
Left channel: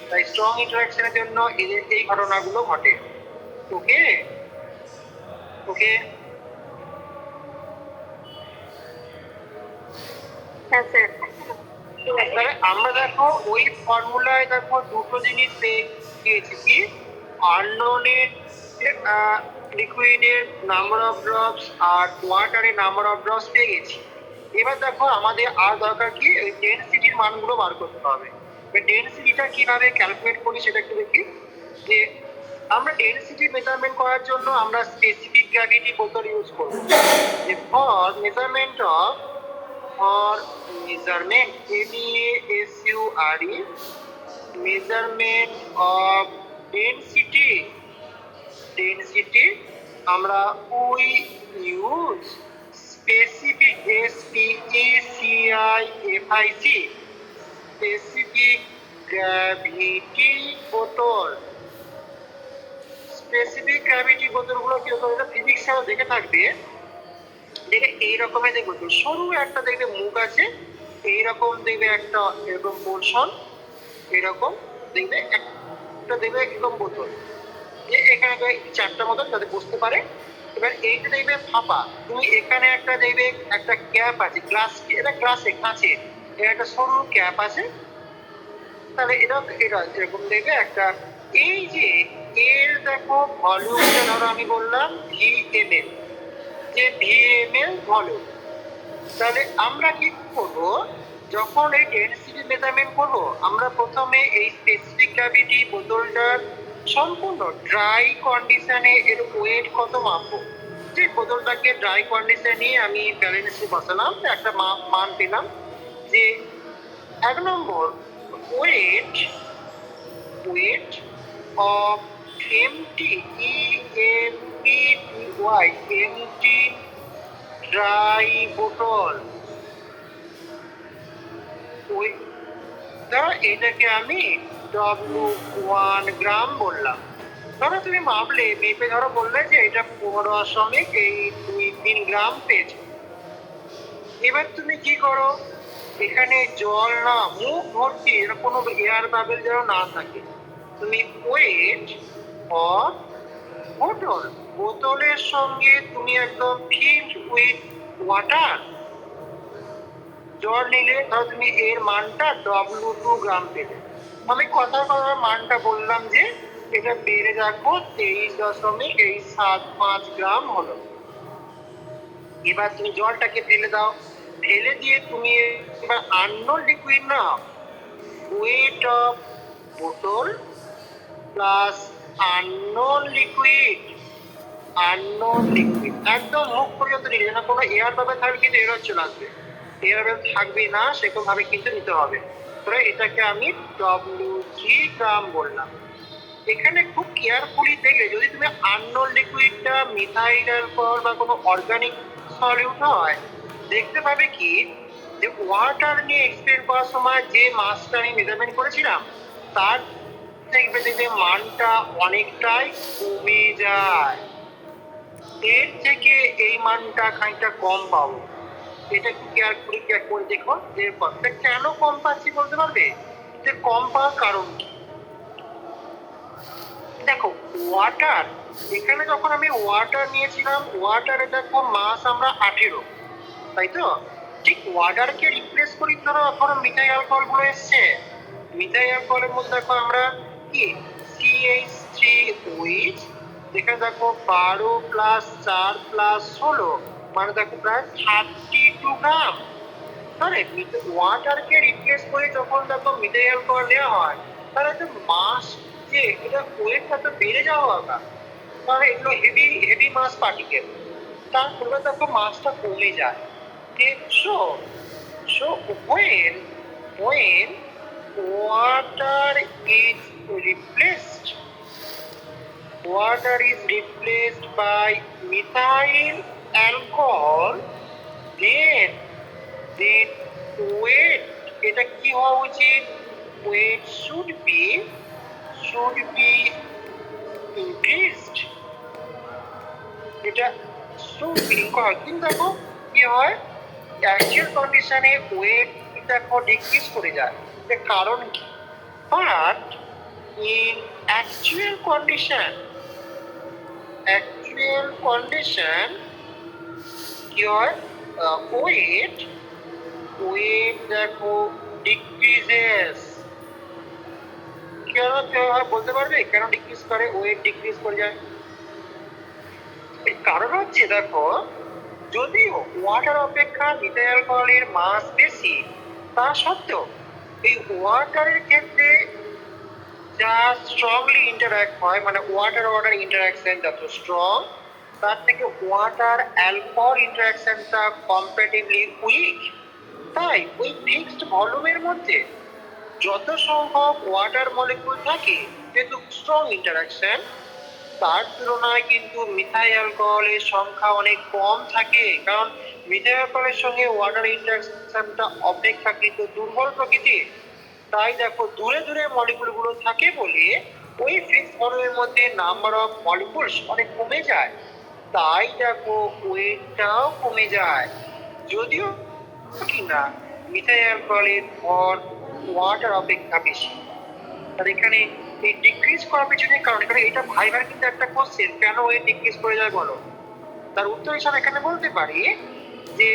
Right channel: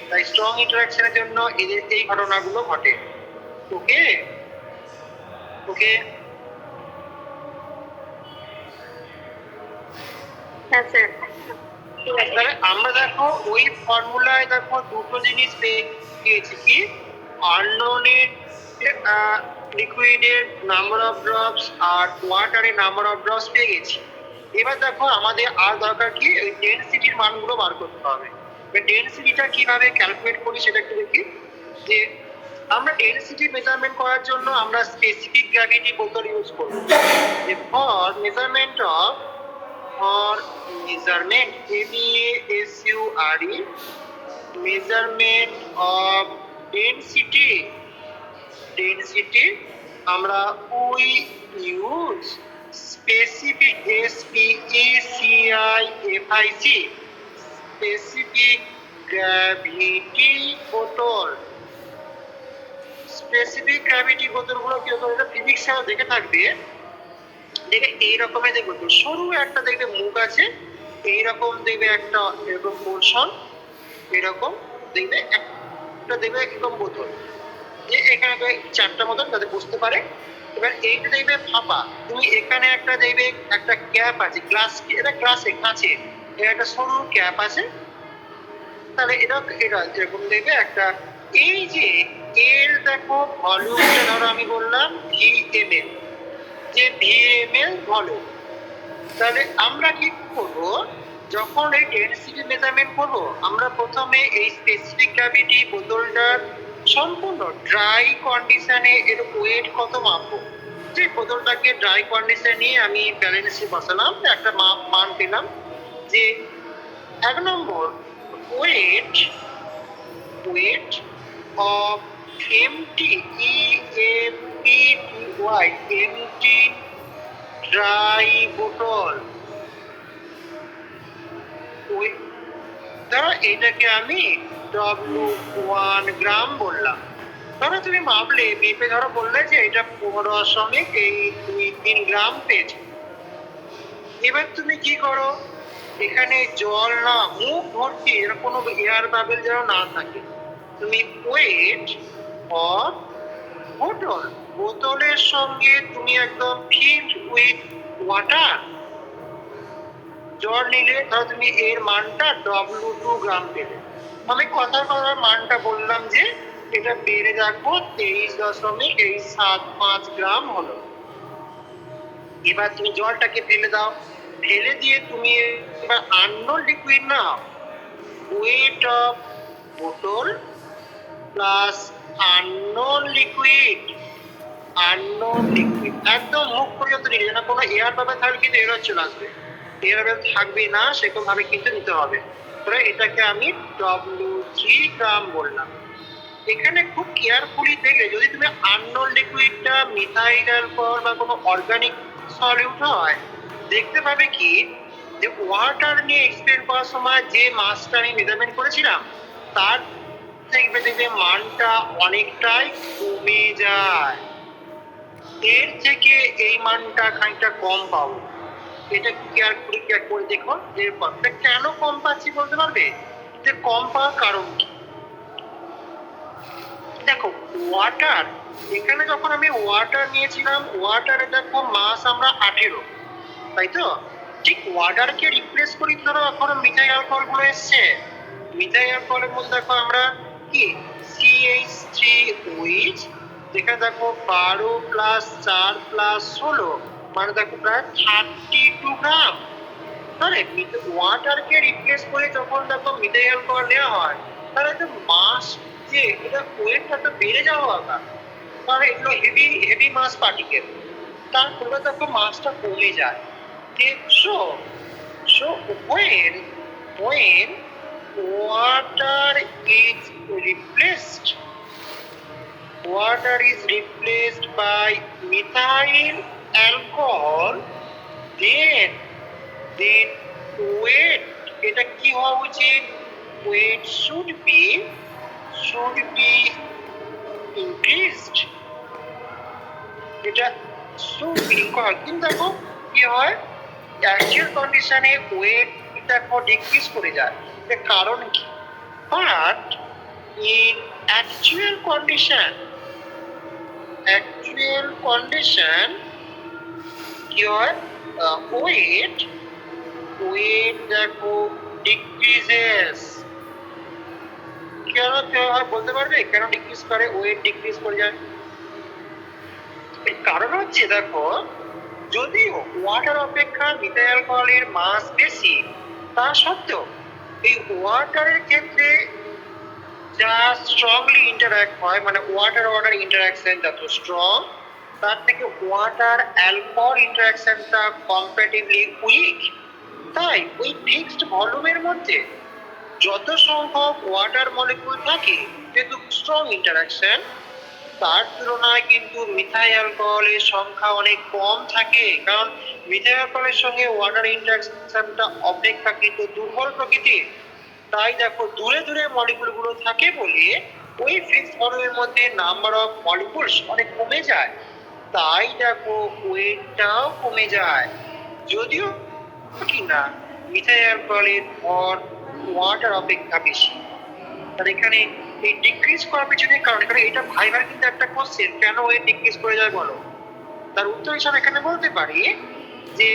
তাই স্ট্রং ইন্টারঅ্যাকশনের জন্য এদের এই ঘটনাগুলো ঘটে। ওকে ওকে হ্যাঁ স্যার। তাহলে আমরা দেখো ওই ফর্মুলায় দেখো দুটো জিনিস পেয়েছি, কি আননোনের লিকুইডের নাম্বার অফ ড্রপস আর ওয়াটারের নাম্বার অফ ড্রপস পেয়ে গেছি। এবার দেখো আমাদের আর দরকার কি, ওই ডেনসিটির মানগুলো বার করতে হবে। ডেনসিটিটা কিভাবে ক্যালকুলেট করি সেটা একটু দেখি। যে আমরা ডেনসিটি মেজারমেন্ট করার জন্য আমরা স্পেসিফিক গ্র্যাভিটি বোতল ইউজ করব। For measurement of MEASURE measurement of density আমরা we use specific SPECIFIC specific gravity বোতল। স্পেসিফিক গ্র্যাভিটি বোতলগুলো কি হতো? এটা ফিজিক্সেও দেখে থাকবে, দেখবে এই রকমের, দেখবো তো সরু একটা দেখবে মুখ আছে, এইরকম দেখবে একটা এরকম পোর্শন, এরকম দেখবে একটা দেখবে একদম বোতল, যে এখানে চারটা মতন যাতে বুঝতে পারে। এবার এইটা দেখবে ফাঁপা, তুমি এখানে একটা দেখবে একটা ক্যাপ আছে, গ্লাস, এটা গ্লাসে কাঁচে, এর একটা সরু ক্যাপ আছে। তাহলে এটা এরকম দেখবে একটা, এই যে এর দেখো ভলিউমটা ধরো আমি বললাম VmL, যে VmL ভলিউম। তাহলে আমরা কি করব, যখন এই ডেনসিটি মেজারমেন্ট করব, আমরা প্রথমে এই স্পেসিফিক গ্র্যাভিটি বোতলটার সম্পূর্ণ ড্রাই কন্ডিশনে এর ওয়েট কত মাপবো। যে বোতলটাকে ড্রাই কন্ডিশনে নিয়ে আমি ব্যালেন্সে বসালাম, একটা মান পেলাম যে 1 number weight of empty empty dry বোতল, ধরো এটাকে আমি W1 গ্রাম বললাম। ধরো তুমি মাপলে, মেপে ধরো বললে যে এটা 15.3 গ্রাম পেয়েছো। এবার তুমি কি করো, এখানে জল না, মুখ ভর্তি, এর কোনো এয়ার বাবেল যেন না থাকে, তুমি ওয়েট অফ বোতলের সঙ্গে তুমি একদম ফিল্ড উইথ ওয়াটার, জল নিলে ধরো তুমি এর মানটা W2 গ্রাম পেলে। আমি কথার মানটা বললাম যে এটা বেড়ে রাখবো 23.75 গ্রাম হলো। এবার তুমি জলটাকে ফেলে দাও, ফেলে দিয়ে তুমি এবার unknown liquid now, weight of বোতল প্লাস আননোন লিকুইড একদম মুখ পর্যন্ত নিয়ে, যেন কোনো এয়ার পাবে তাহলে কিন্তু এরর চলে আসবে। এভাবে থাকবে না সেরকম ভাবে কিন্তু নিতে হবে। ধরো এটাকে আমি WG গ্রাম বললাম। এখানে খুব কেয়ারফুলি দেখলে যদি তুমি আননোন লিকুইডটা মিথাইল অ্যালকোহল বা কোনো অর্গানিক সলিউট হয়, দেখতে পাবে কি যে ওয়াটার নিয়ে এক্সপ্লেন করার সময় যে মাসটা আমি মেজারমেন্ট করেছিলাম তার দেখবে মানটা অনেকটাই কমে যায়। এর থেকে এই মানটা খানিকটা কম পাবো। এটা একটু কেয়ারফুলি চেক করে দেখো যে কতটা কেন কম পাচ্ছি বলতে পারবে যে কম পাওয়ার কারণ কি। দেখো ওয়াটার, এখানে যখন আমি ওয়াটার নিয়েছিলাম ওয়াটারে দেখো মাস আমরা 18, তাই তো? ঠিক ওয়াটারকে রিপ্লেস করি ধরো এখন মিথাইল অ্যালকোহল গুলো এসছে। মিথাইল অ্যালকোহলের মধ্যে দেখো আমরা কি CH3OH, যেখানে দেখো 12 প্লাস 4 প্লাস 16 মানে দেখো প্রায় 32 গ্রাম। তাহলে ওয়াটারকে রিপ্লেস করে যখন দেখো মিথাইল অ্যালকোহল নেওয়া হয় তাহলে একটা মাস যে এটা ওয়েটটা তো বেড়ে যাওয়া দরকার, কারণ এগুলো হেভি হেভি মাস পার্টিকেল। তারপরে দেখো মাসটা কমে যায়। So, so when water is replaced, water is replaced by methyl alcohol, then weight, এটা কি হওয়া উচিত? Weight should be increased. এটা should be কিন্তু দেখো কি হয় অ্যাকচুয়াল কন্ডিশনে ওয়েট দেখো ডিক্রিজ করে যায়। এর কারণ কি? বাট ইন অ্যাকচুয়াল কন্ডিশন কি হয় ওয়েট দেখো ডিক্রিজেস। কেন বলতে পারবে কেন ডিক্রিজ করে, ওয়েট ডিক্রিজ করে যায়? এর কারণ হচ্ছে দেখো যদিও ওয়াটার অপেক্ষা মিথাইল অ্যালকোহলের মাস বেশি, তা সত্ত্বেও এই ওয়াটারের ক্ষেত্রে যা স্ট্রংলি ইন্টারঅ্যাক্ট হয় মানে ওয়াটার ইন্টারাকশন যত স্ট্রং তার থেকে ওয়াটার অ্যালকোহল ইন্টারাকশনটা কম্পারেটিভলি উইক। তাই ওই ফিক্সড ভলিউমের মধ্যে যত সংখ্যক ওয়াটার মলিকিউল থাকে যেহেতু স্ট্রং ইন্টারাকশন, তার তুলনায় কিন্তু মিথাইল অ্যালকোহলের সংখ্যা অনেক কম থাকে, কারণ মিথাইল অ্যালকোহলের সঙ্গে ওয়াটার ইন্টারাকশনটা অপেক্ষাকৃত দুর্বল প্রকৃতির। তাই দেখো দূরে দূরে মলিকুল গুলো থাকে বলে ওই ফিক্সড ভলিউমের মধ্যে নাম্বার অফ মলিকুলস অনেক কমে যায়। তাই দেখো ওয়েটটাও কমে যায়। যদিও কিনা মিথাইল অ্যালকোহলের ভর ওয়াটার অপেক্ষা বেশি। আর এখানে এই ডিক্রিজ করার পিছনে কারণ এখানে এটা ভাইবার কিন্তু একটা কোশ্চেন, কেন ওয়েট ডিক্রিজ করে যায় বলো? তার উত্তর হিসাবে এখানে বলতে পারি যে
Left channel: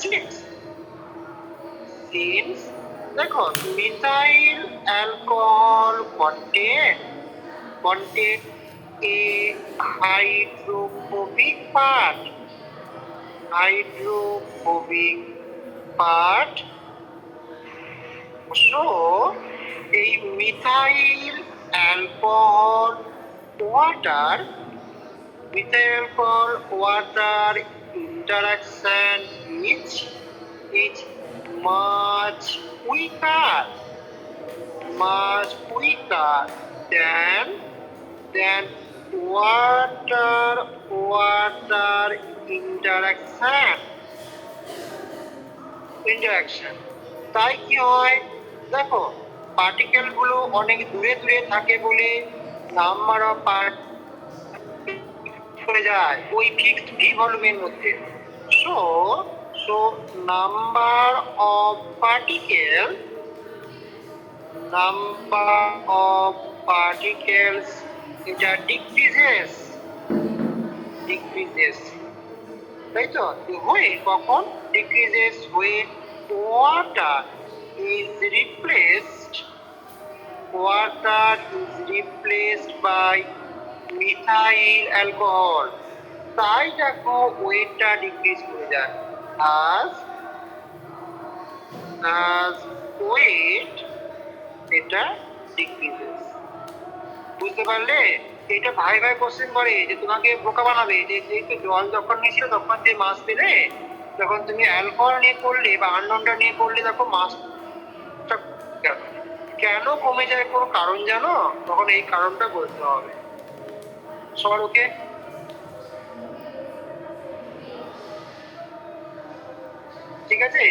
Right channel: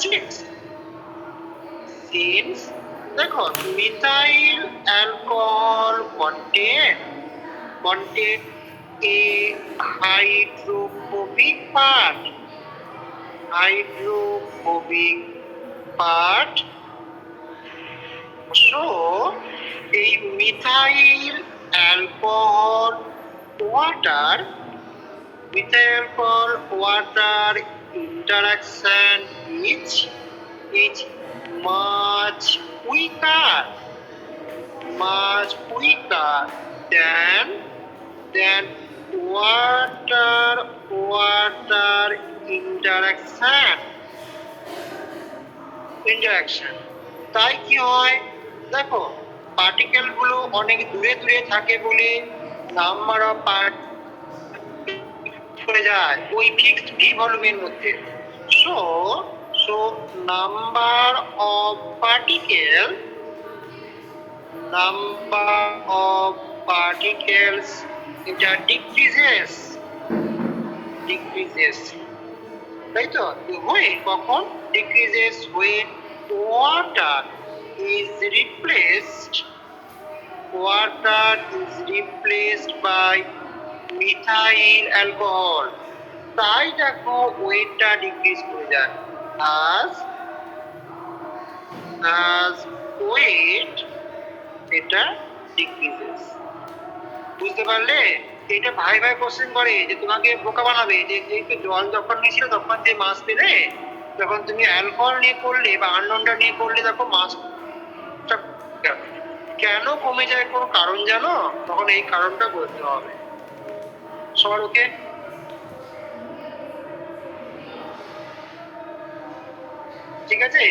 সিন্স দেখো methyl alcohol contain a hydrophobic part. So এই methyl alcohol water interaction is much weaker than water interaction. তাই কি হয় দেখো পার্টিকেল গুলো অনেক দূরে দূরে থাকে বলে নাম্বার অফ চলে যায় ওই ফিক্সড ভি ভলিউমের মধ্যে। সো নাম্বার অফ পার্টিকেলস এটা ডিক্রিজেস, তাই তো? হয়ে কখন decreases? when water is replaced by methyl alcohol. তাই দেখো ওয়েটটা ডিক্রিজ করে যায়। as weight এটা ডিক্রিজেস। বুঝতে পারলে? এটা ভাই কোশ্চেন করে যে তোমাকে বোকা বানাবে যে একটু জল যখন নিয়েছিল তখন যে মাস পেলে যখন তুমি অ্যালকোহল নিয়ে করলে বা আননোনটা নিয়ে করলে, দেখো মাসটা কেন কমে যায়, কোনো কারণ জানো? তখন এই কারণটা বলতে হবে। সবার ওকে? ঠিক আছে।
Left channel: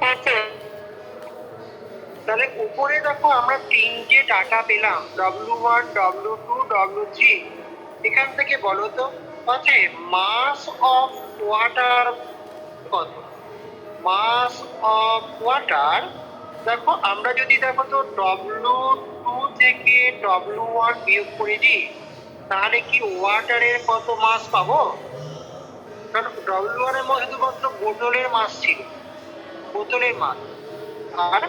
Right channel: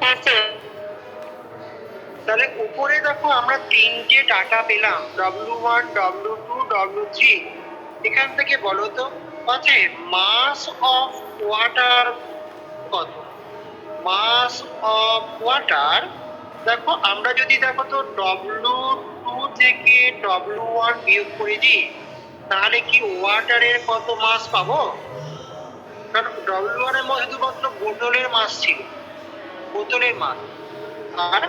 হ্যাঁ স্যার। তাহলে উপরে দেখো আমরা তিনটে ডাটা পেলাম, W1, W2, W3। এখান থেকে বলো তো মাস অফ ওয়াটার কত? মাস অফ ওয়াটার, দেখো আমরা যদি দেখো তো W2 থেকে W1 বিয়োগ করে দিই, তাহলে কি ওয়াটারের কত মাস পাবো? কারণ W1 এর মধ্যে শুধুমাত্র বোতলের মাস ছিল, বোতলের মাস। আর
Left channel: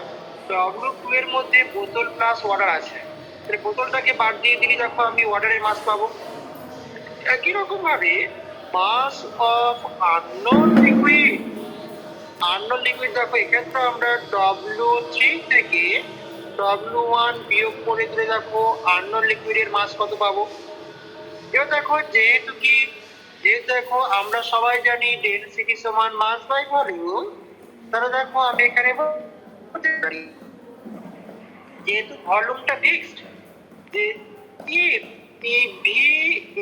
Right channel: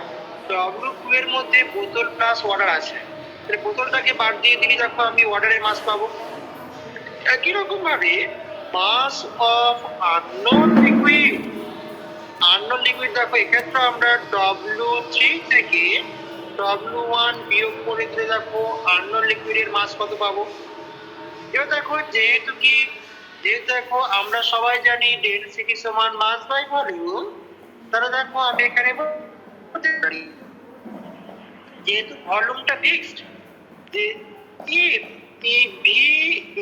W2 এর মধ্যে বোতল প্লাস ওয়াটার আছে, তাহলে বোতলটাকে বাদ দিয়ে দিলে দেখো আমি ওয়াটারের মাস পাবো। একই রকম ভাবে mass of unknown liquid, unknown liquid দেখো এক্ষেত্রে আমরা W3 থেকে W1 বিয়োগ করে দিলে দেখো আননোন লিকুইডের মাস কত পাবো। এবার দেখো যেহেতু দেখো আমরা সবাই জানি ডেনসিটি সমান মাস বাই ভলিউম, তাহলে দেখো আমি এখানে বলতে পারি যেহেতু ভলিউমটা ফিক্সড, যে if V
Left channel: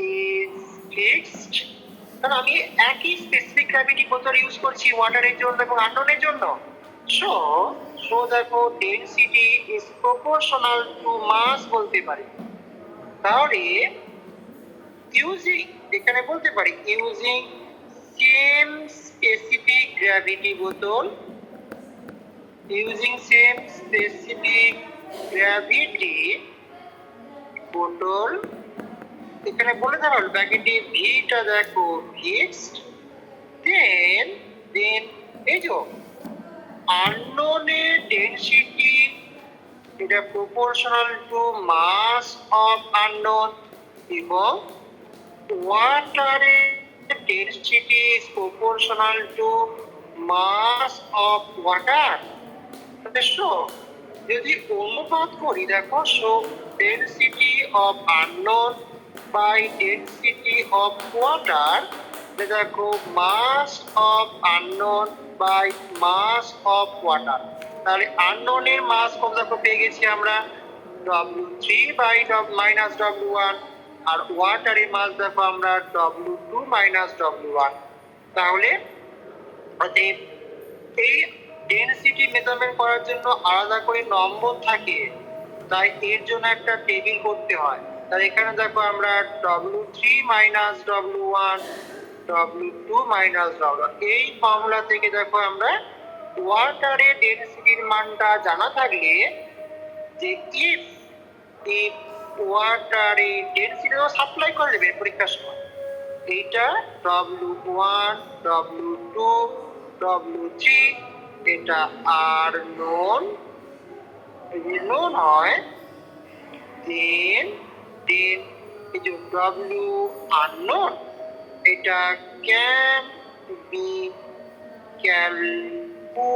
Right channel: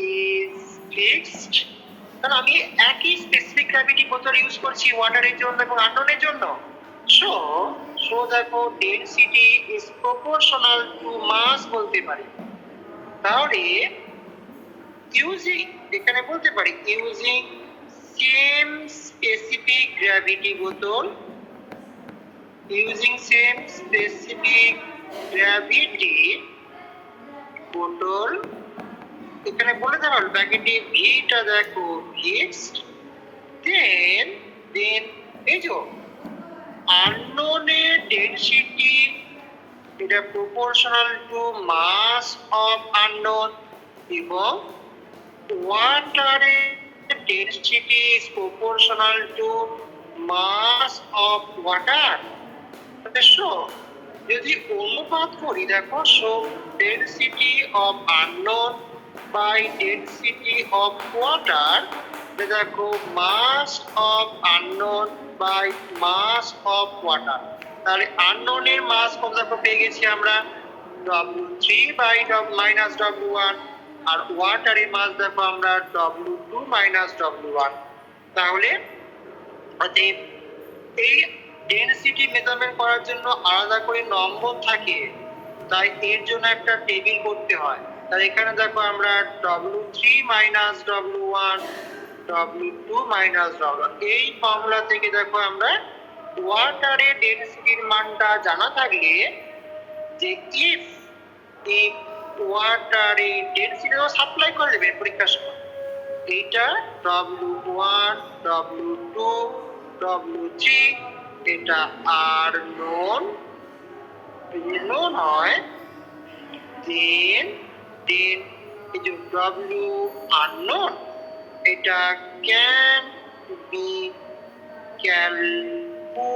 is fixed, কারণ আমি একই স্পেসিফিক গ্র্যাভিটি বোতল ইউজ করছি ওয়াটারের জন্য এবং আননোনের জন্য। সো দেখো ডেনসিটি ইজ প্রপোর্শনাল টু মাস বলতে পারি। তাহলে ইউজিং, এখানে বলতে পারি ইউজিং সেম স্পেসিফিক গ্র্যাভিটি বোতল, ইউজিং সেম স্পেসিফিক গ্র্যাভিটি বোতল, এখানে বলে দেওয়া হলো ব্র্যাকেটে ভিটা দেখো ফিক্সড, দেন এই যে আননোনের ডেনসিটি এটা proportional to mass of unknown, এবং ওয়াটারের density is proportional to mass of water. যদি অনুপাত করি দেখো, so density of unknown by density of water, দেখো mass of unknown by mass of water. তাহলে আননোনের মাস কত দেখো পেয়ে গেছি আমরা W3 বাই মাইনাস W1, আর ওয়াটারের মাস দেখো আমরা W2 মাইনাস W1। তাহলে এই ডেনসিটি মেজারমেন্ট করার জন্য আলাদা করে নম্বর থাকে, তাই এর জন্য একটা টেবিল করতে হয়। তাহলে এখানে দেখো আমরা W3 minus W1, W2 minus W1, এই ফর্মুলা থেকে দেখো আমরা ওয়াটারের ডেনসিটির মানটা জানা থাকলে, যে ইফ ওয়াটারের ডেনসিটি সাপ্লাই করে দেবে পরীক্ষার সময়, এইটা W1, W2, W3 এটা আর নোন, যদি নোন হয় দেন এই যে W আননোন, এটা ক্যান বি ক্যালকুলেটেড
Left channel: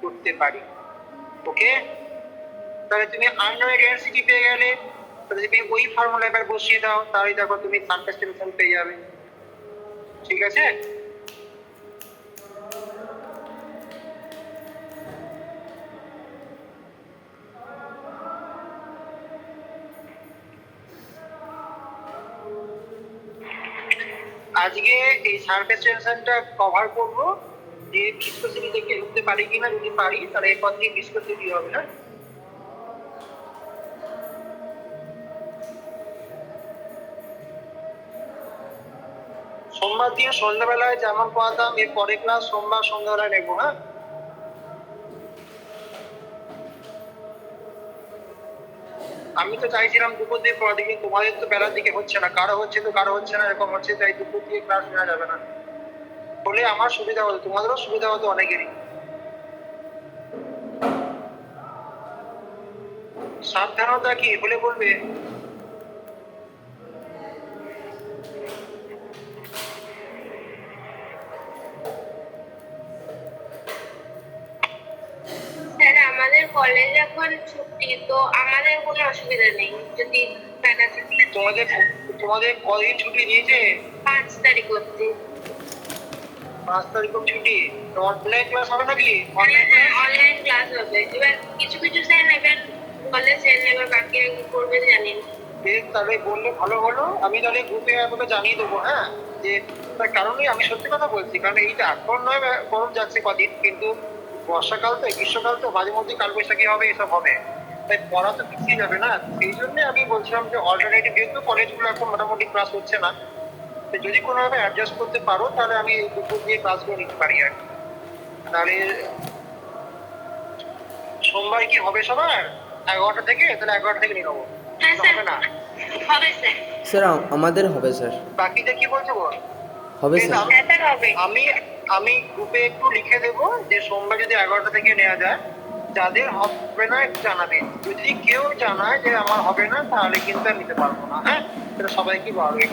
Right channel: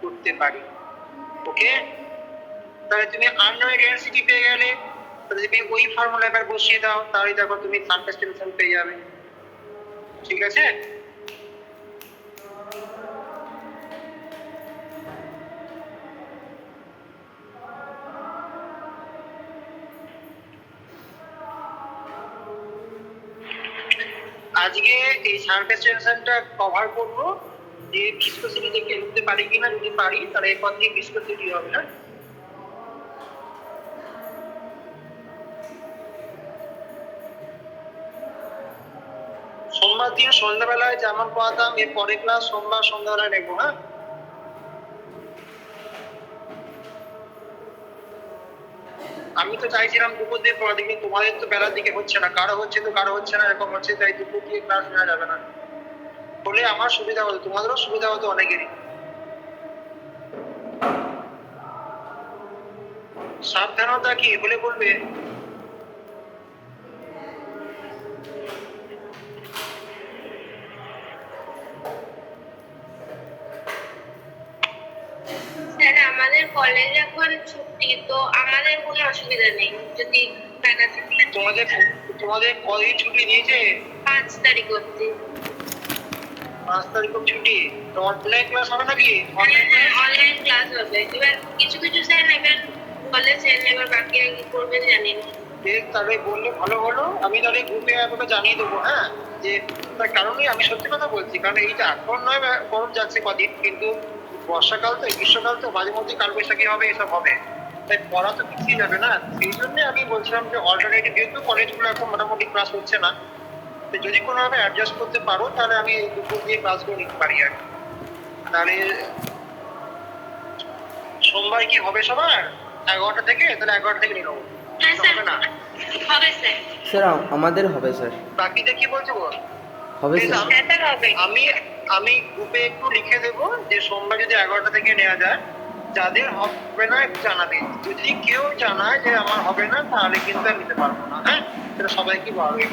করতে পারি। ওকে, তাহলে তুমি আননোনের ডেনসিটি পেয়ে গেলে, তাহলে তুমি ওই ফর্মুলা এবার বসিয়ে দাও, তাহলে দেখো তুমি সারফেস টেনশন পেয়ে যাবে। ঠিক আছে। আজকে এই সারফেস টেনশনটা কভার করবো, যে ভিসকোসিটি দেখে লিখতে পারি কিনা, যদি পারি তাহলে এরপর দিয়ে ভিসকোসিটি হবে না। সোমবার দিন সন্ধ্যাবেলায় যেমন পড়াতাম, এর পরের ক্লাস সোমবার সন্ধ্যাবেলায় নেবো। হ্যাঁ, আমি তো চাইছিলাম দুপুর দিয়ে পড়া দিকে, তোমাদের তো বেলার দিকে হচ্ছে না, কারো হচ্ছে তো কারো হচ্ছে না, এরকম হচ্ছে, তাই দুপুর দিয়ে ক্লাস নেওয়া যাবে না। বলে আমার সুবিধা হতো, তোমাদেরও সুবিধা হতো অনেকেরই। সাবধানতা কি বলে বলবে? স্যার আমাদের আমাদের কলেজ এখন ছুটি, তো আমাদের কোনো অসুবিধা নেই যদি ম্যানেজার তোমাদের তোমাদের কদিন ছুটি দিয়েছে? 5 তারিখ অব্দি। 5 তারিখ ছুটি। তো অনলাইন ক্লাস হবে নাকি? অনলাইন ক্লাস অনলাইন ক্লাস হবে। এবার কিছু কিছু স্যার নেবেন, কলেজ স্যার নেবে, বাকি আর কি করবে জানি না। বেশ, তাহলে বললে ভালো হলো। আমি তাহলে গ্রুপে আপনাকে জানিয়ে দেবো, হ্যাঁ, যে তার কারণে আমি সত্যি কথা বলছি, কারণ এইটা এখন নয় গরম যাচ্ছে কদিন, কিন্তু বর্ষাকাল তো, গ্রীষ্মকাল তো, মাঝে মধ্যে কালবৈশাখী হবে, এসব হবে, তাই পড়া তো পিছিয়ে যাবে না। সেই জন্য আমি বলছিলাম যে অল্টারনেটিভ, যেহেতু কলেজগুলো এখন মোটামুটি ক্লাস হচ্ছে না, তো যদি কোনোভাবে অ্যাডজাস্ট করতে পারো তাহলে আমি এই দুপুর দিয়ে ক্লাসগুলো নিতে পারি আর কি। তাহলে সোমবার কি হবে সবার 11টা থেকে? তাহলে 11টা থেকে নিয়ে নেবো, হ্যাঁ স্যার, হবে না? হবে স্যার। স্যার আমাদের হবে স্যার। বাকিটা কি বলছো বল? হবে বেশ, স্যার। হ্যাঁ স্যার হবে। আমি আমি গ্রুপে একটু লিখে দেবো যে সোমবার যদি 11টা থেকে নেওয়া যায়, যাদের হবে না একটু জানাবে। যদি কেউ জানায় যে আমার হবে না, তাহলে কিন্তু আমি নিতে পারবো না, হ্যাঁ, সেটা সবাইকে বলবে।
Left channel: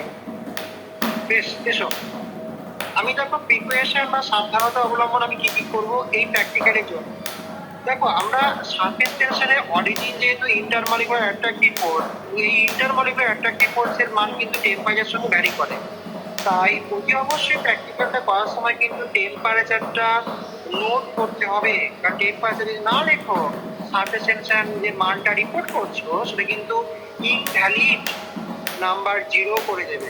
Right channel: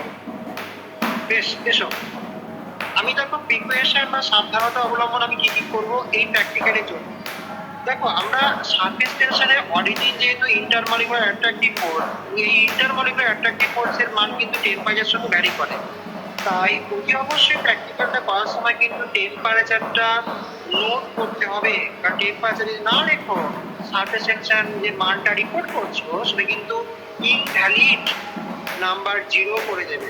বেশ, এসো। আমি দেখো প্রিপারেশন বা সাবধানতা অবলম্বন আমি কি কি করবো এই প্র্যাকটিক্যালের জন্য। দেখো, আমরা সারফেস টেনশনে অরিজিন যেহেতু ইন্টারমলিকুলার অ্যাট্রাকটিভ ফোর্স, এই ইন্টারমলিকুলার অ্যাট্রাকটিভ ফোর্সের মান কিন্তু টেম্পারেচারের সঙ্গে ভ্যারি করে। তাই অতি অবশ্যই প্র্যাকটিক্যালটা করার সময় কিন্তু টেম্পারেচারটা নোট করতে হবে, কারণ টেম্পারেচার যদি না লেখো, সারফেস টেনশন যে মানটা রিপোর্ট করছো সেটা কিন্তু ইনভ্যালিড নাম্বার 0 করে দেবে।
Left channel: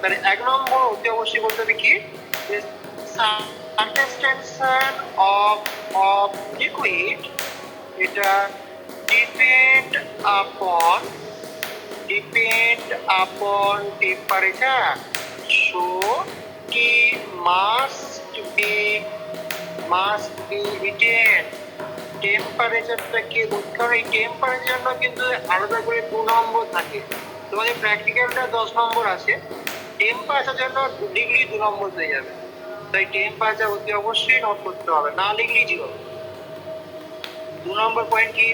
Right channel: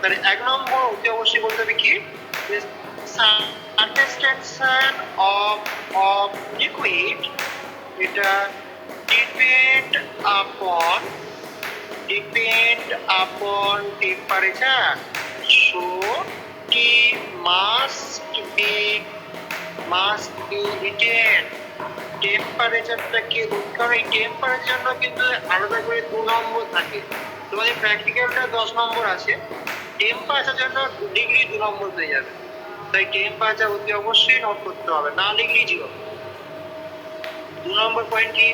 তাহলে 1 নম্বর অতি অবশ্যই বলতে হবে কি, সারফেস টেনশন অফ লিকুইড, এটা ডিপেন্ড আপন temperature, so T must be retained. টেম্পারেচারটাকে, কারণ এই টেম্পারেচার জন্য কিন্তু আলাদা করে 2 নম্বর থাকে। তোমাদের প্র্যাকটিক্যালটা 10 নম্বর আছে, টেম্পারেচার জন্য ডিগ্রি 2 নম্বর হয়ে যাবে। তাই টেম্পারেচার অতি অবশ্যই নোট করতে হবে, না লিখলেই 0। 2 নম্বর পয়েন্ট কি,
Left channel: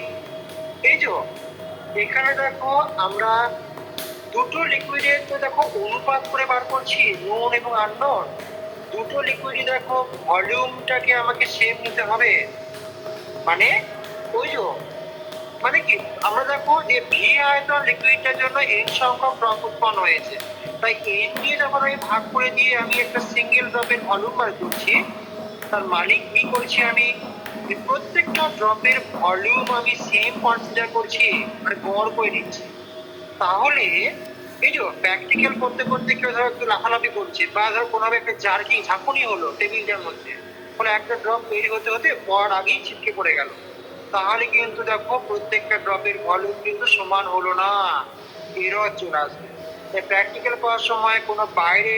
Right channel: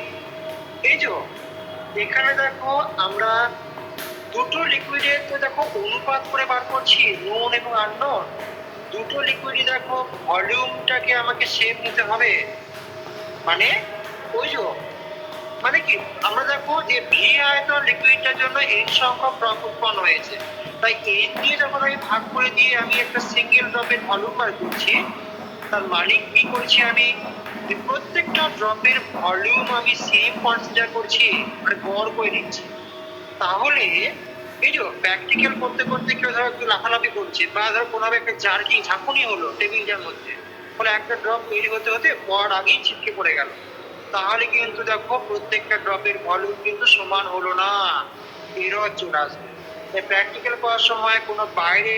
এই যে এখানে দেখো আমরা দুটো লিকুইডের তো দেখো অনুপাত করে বার করছি, নোন এবং আননোন। দুটো লিকুইডই দেখো ভলিউমটাকে আমাকে সেম নিতে হবে, মানে ওই যে, মানে কি, আমরা দেখো যে ভি আয়তন লিকুইডটার জন্য n সংখ্যক ড্রপ উৎপন্ন হয়েছে, তাই n দিয়ে যখন আমি ভাগ করে দিয়ে আমি একটা সিঙ্গেল ড্রপের ভলিউম বার করছি, তার মানে কি করছি আমি, প্রত্যেকটা ড্রপের ভলিউম আমি সেম কনসিডার করছি, মানে গড় করে নিচ্ছি। তাহলে এই যে প্র্যাকটিক্যাল করতে করতে কেউ ধরো একটু লাফালাফি করছে, বা ধরো কোনোভাবে একটা জার্কিং ঝাঁকুনি হলো টেবিলটার মধ্যে, ফলে একটা ড্রপ তৈরি হতে হতে পর আগেই ছিটকে পড়ে গেল, তাহলে কিন্তু দেখো প্রত্যেকটা ড্রপের ভলিউম কিন্তু সমান হলো না, এরর চলে আসবে। তাই প্র্যাকটিক্যাল করার সময় কোনো বাইরে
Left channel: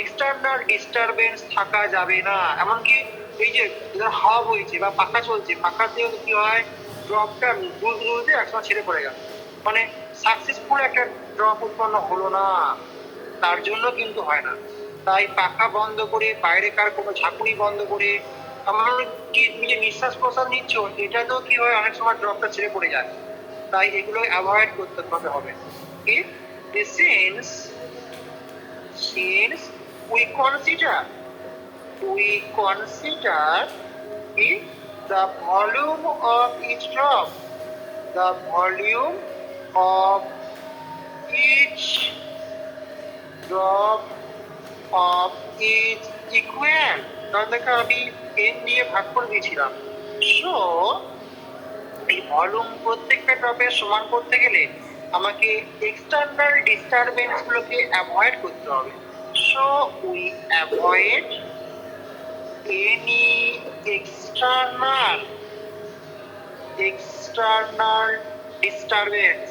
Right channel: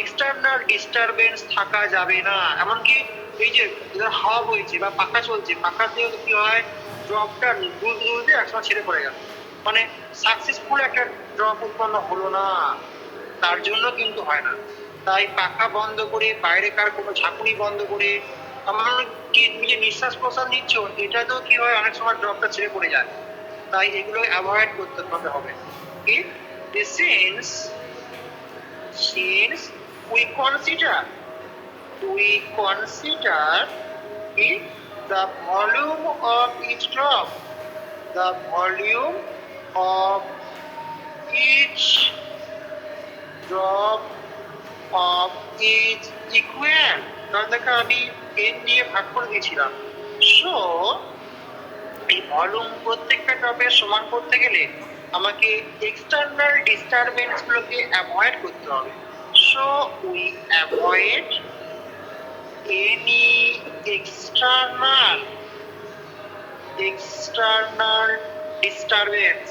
এক্সটার্নাল ডিস্টারবেন্স থাকা যাবে না। এমনকি এই যে হাওয়া বইছে বা পাখা চলছে, পাখাতেও কি হয়, ড্রপটা দুলতে একসময় ছেড়ে পড়ে গেল, মানে সাকসেসফুল একটা ড্রপ উৎপন্ন হলো না, তার জন্য কিন্তু হয় না। তাই পাখা বন্ধ করে, বাইরেকার কোনো ঝাঁকুনি বন্ধ করে, আমার কি তুমি যে নিঃশ্বাস প্রশ্বাস নিচ্ছ, এটাতেও কি হয়, অনেক সময় ড্রপটা ছেড়ে পড়ে যায়। তাই এগুলো অ্যাভয়েড করতে হবে। Since we consider it, the volume of each drop, the volume of each drop of is equal, কারণ দেখো আমি n দিয়ে ভাগ করে দিয়েছিলাম, সো এই ভলিউম প্রত্যেকটা ড্রপের সমান করতে গেলে আমাকে এক্সটার্নাল ডিস্টারবেন্স গুলোকে অ্যাভয়েড করতে হবে। So we avoid any external disturbance,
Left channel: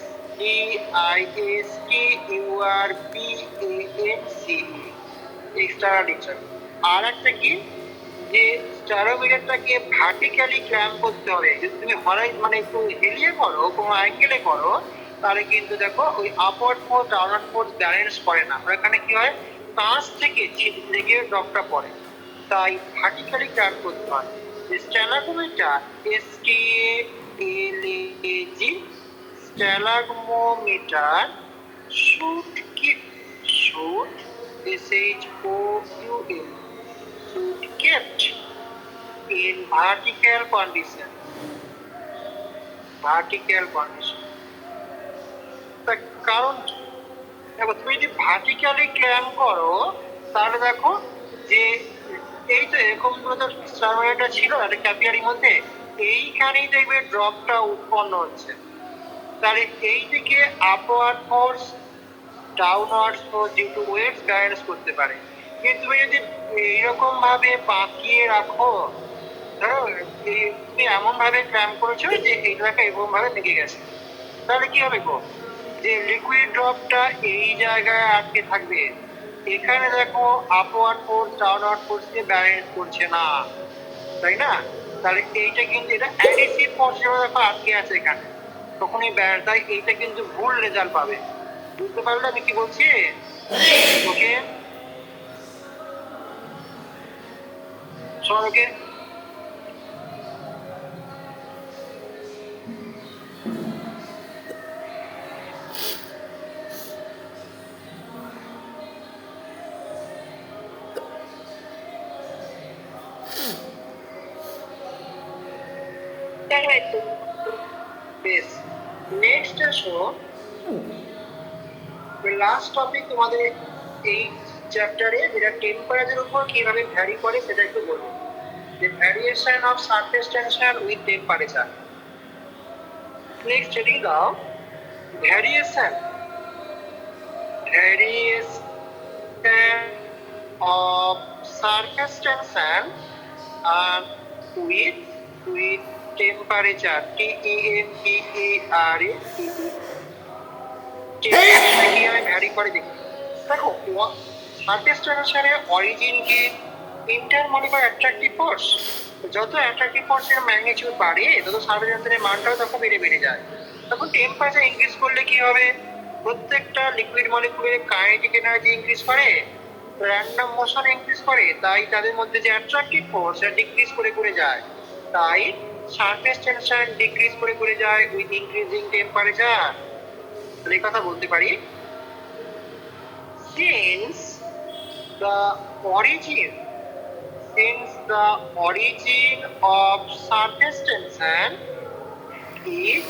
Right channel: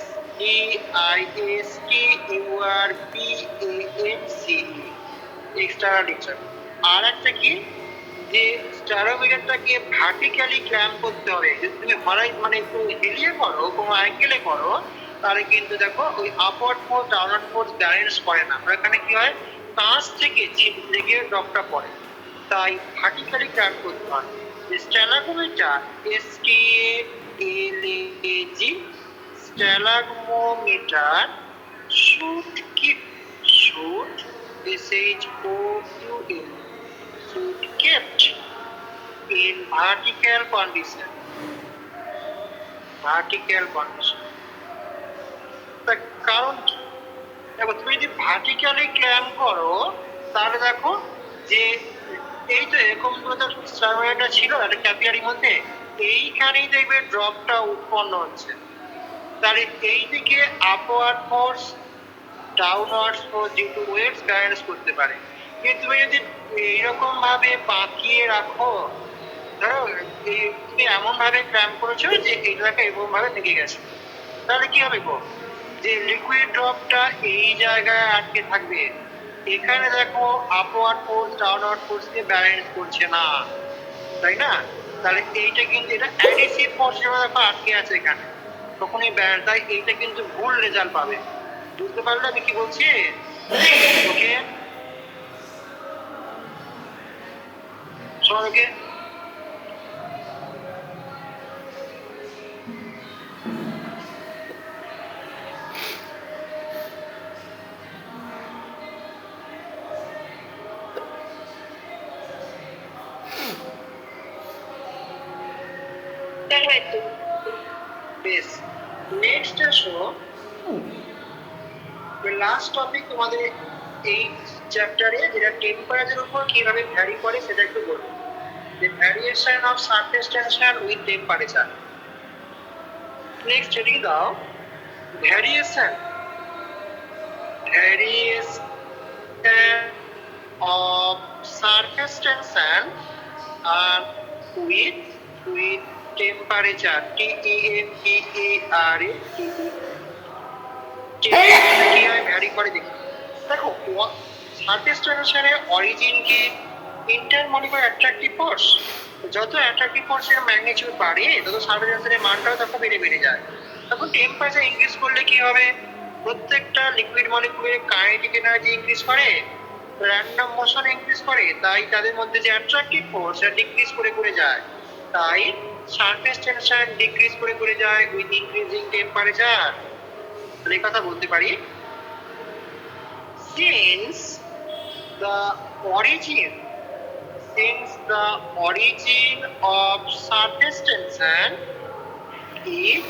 DISTURBANCE, external disturbance. আর একটা কি, যে স্টারোমিটারটাকে ভার্টিক্যালি ক্ল্যাম্প করতে হবে। যদি তুমি মানে একটু হেলিয়ে করো, কোনো অ্যাঙ্গেলে করো, তাহলে কিন্তু দেখো ওই upward force downward force balance করে না, এখানে কি হয়, কাঁচ থেকে ছিট লেগে ড্রপটা পড়ে, তাই ভার্টিক্যালি ক্ল্যাম্প করতে হয়। যে স্ট্যালাগোমিটার, স্ট্যালাগমোমিটার should kept in vertical condition. Vertical condition. তার কারণ কি? দেখো তুমি যদি ভার্টিক্যালি ক্ল্যাম্প করো তাহলে দেখো যে এই তো এরকম করে তো সার্ভারটা ছিল একটা ক্যাপিয়ারির মধ্যে, এইখানেই দেখবে ড্রপটা উৎপন্ন হচ্ছে। তাহলে এই দিকে আপওয়ার্ড ফোর্স ডাউনওয়ার্ড ফোর্স যেহেতু ওয়েটস ব্যালেন্স করতে পারে, কিন্তু তুমি যদি এইরকম ভাবে বাঁকিয়ে রাখো, ধরো তুমি এমন ভাবে ক্ল্যাম্প করেছো যে এইটাকে এরকম ভাবে লেগে গেছে, তাহলে কি হবে গো, যে লিকুইড ড্রপটা এই জায়গায় আটকে থাকবে। এখানে দেখো আপওয়ার্ড ফোর্স ডাউনওয়ার্ড ফোর্স দিয়ে ব্যালেন্স করছে না, তাই না? তাহলে এইটা কিন্তু এটা অ্যাডিটিভ ফোর্স দেখো আটকে আছে এখানে, তখনই ব্যালেন্স, তাই এইটা কিন্তু ভুল রেজাল্ট পাবে। বুঝতে পারলে আমি কি বলছি? ওকে শোন, ওকে হ্যাঁ তো বেশ। নেক্সট আসো, লাস্ট টপিক তোমাদের এই চ্যাপ্টারে, যেটা টেম্পারেচার উপর কিভাবে ভ্যারি করে সেটা একটু বলবো। The variation of surface tension with temperature. Next heading দাও, variation of surface tension and with temperature. কিভাবে ভ্যারি করে দেখি। দেখো সারফেস টেনশনের অরিজিন কি? Intermolecular attractive force. যত অ্যাট্রাকটিভ ফোর্সের ম্যাগনিটিউড বাড়ে তত সারফেস টেনশনের মানটাও তখন বেড়ে যায়। তখন টেম্পারেচার ইনক্রিজ করলে কি হবে? প্রত্যেকটা লিকুইড মলিকুলের কাইনেটিক এনার্জি ইনক্রিজ করে, র্যান্ডম মোশন ইনক্রিজ করে, তাই তাদের মধ্যে যে অ্যাট্রাকটিভ ফোর্স সেটা ডিক্রিজ করে যায়। তাই সারফেস টেনশন ডিক্রিজ করে যায় উইথ ইনক্রিজিং টেম্পারেচার। এই কথা বলতে পারি, since the origin of surface tension is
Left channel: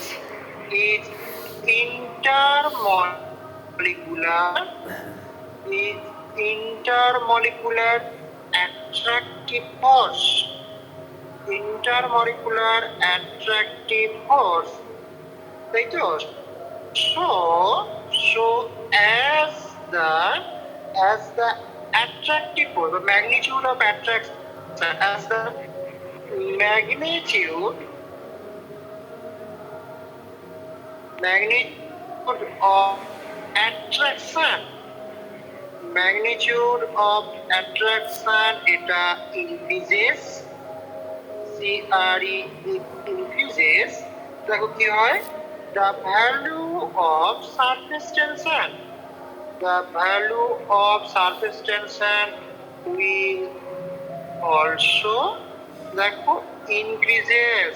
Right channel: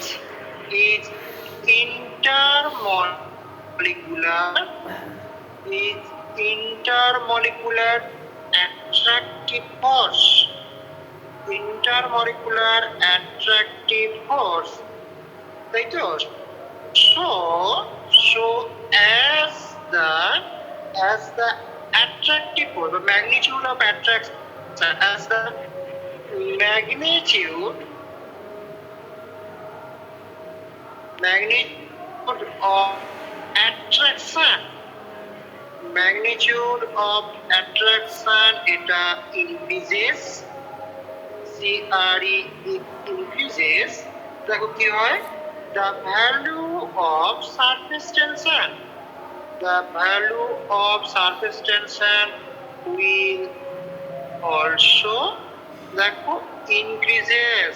intermolecular attractive force. তাই তো? So as the attractive force, the magnitude of attraction, as the magnitude of attraction এটা increases, increases, দেখো কি হয়, the value of surface tension will also দেখো increases,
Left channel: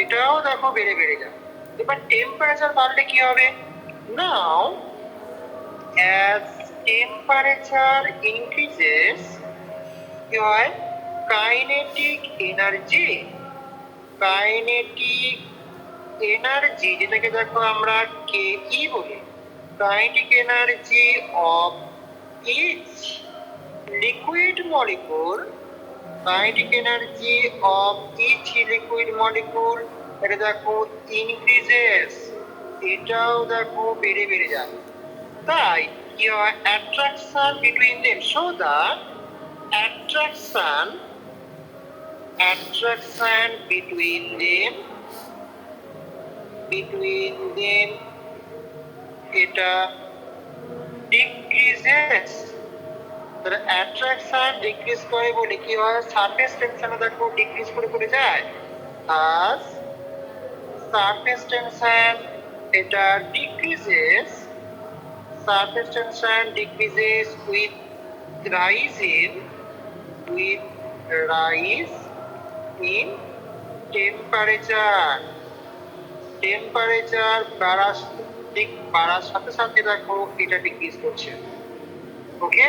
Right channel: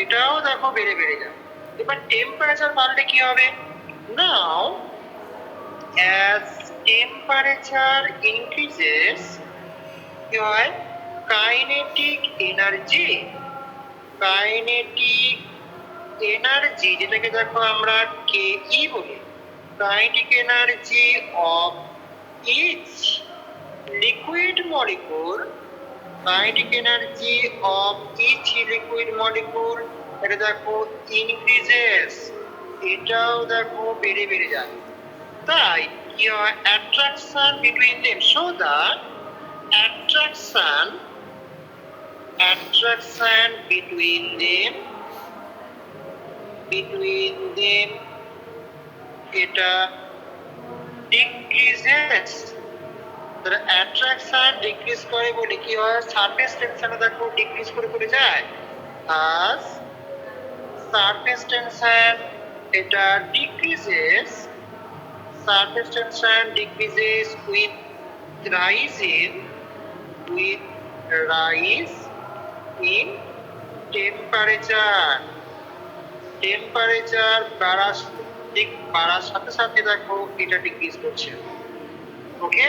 এটাও দেখো বেড়ে যায়। এবার টেম্পারেচার বাড়লে কি হবে? নাও as temperature increases কি হয়? কাইনেটিক এনার্জি যেটাকে দেখো আমরা কেই বলি, kinetic energy of each liquid molecule, এটা দেখো ইনক্রিজেস, এটাও দেখো বেড়ে যায়। তাই কি হয়? Attraction between them, so that attraction between them এটা decreases। তাহলে অ্যাট্রাকশন ডিক্রিজ করে বলে কি হয়? সারফেস টেনশন দেখো ডিক্রিজ করে যায়। আর সারফেস টেনশন এটা decreases with rise in temperature বাড়ার সাথে সাথে দেখো এটা ডিক্রিজ করছে। ওকে।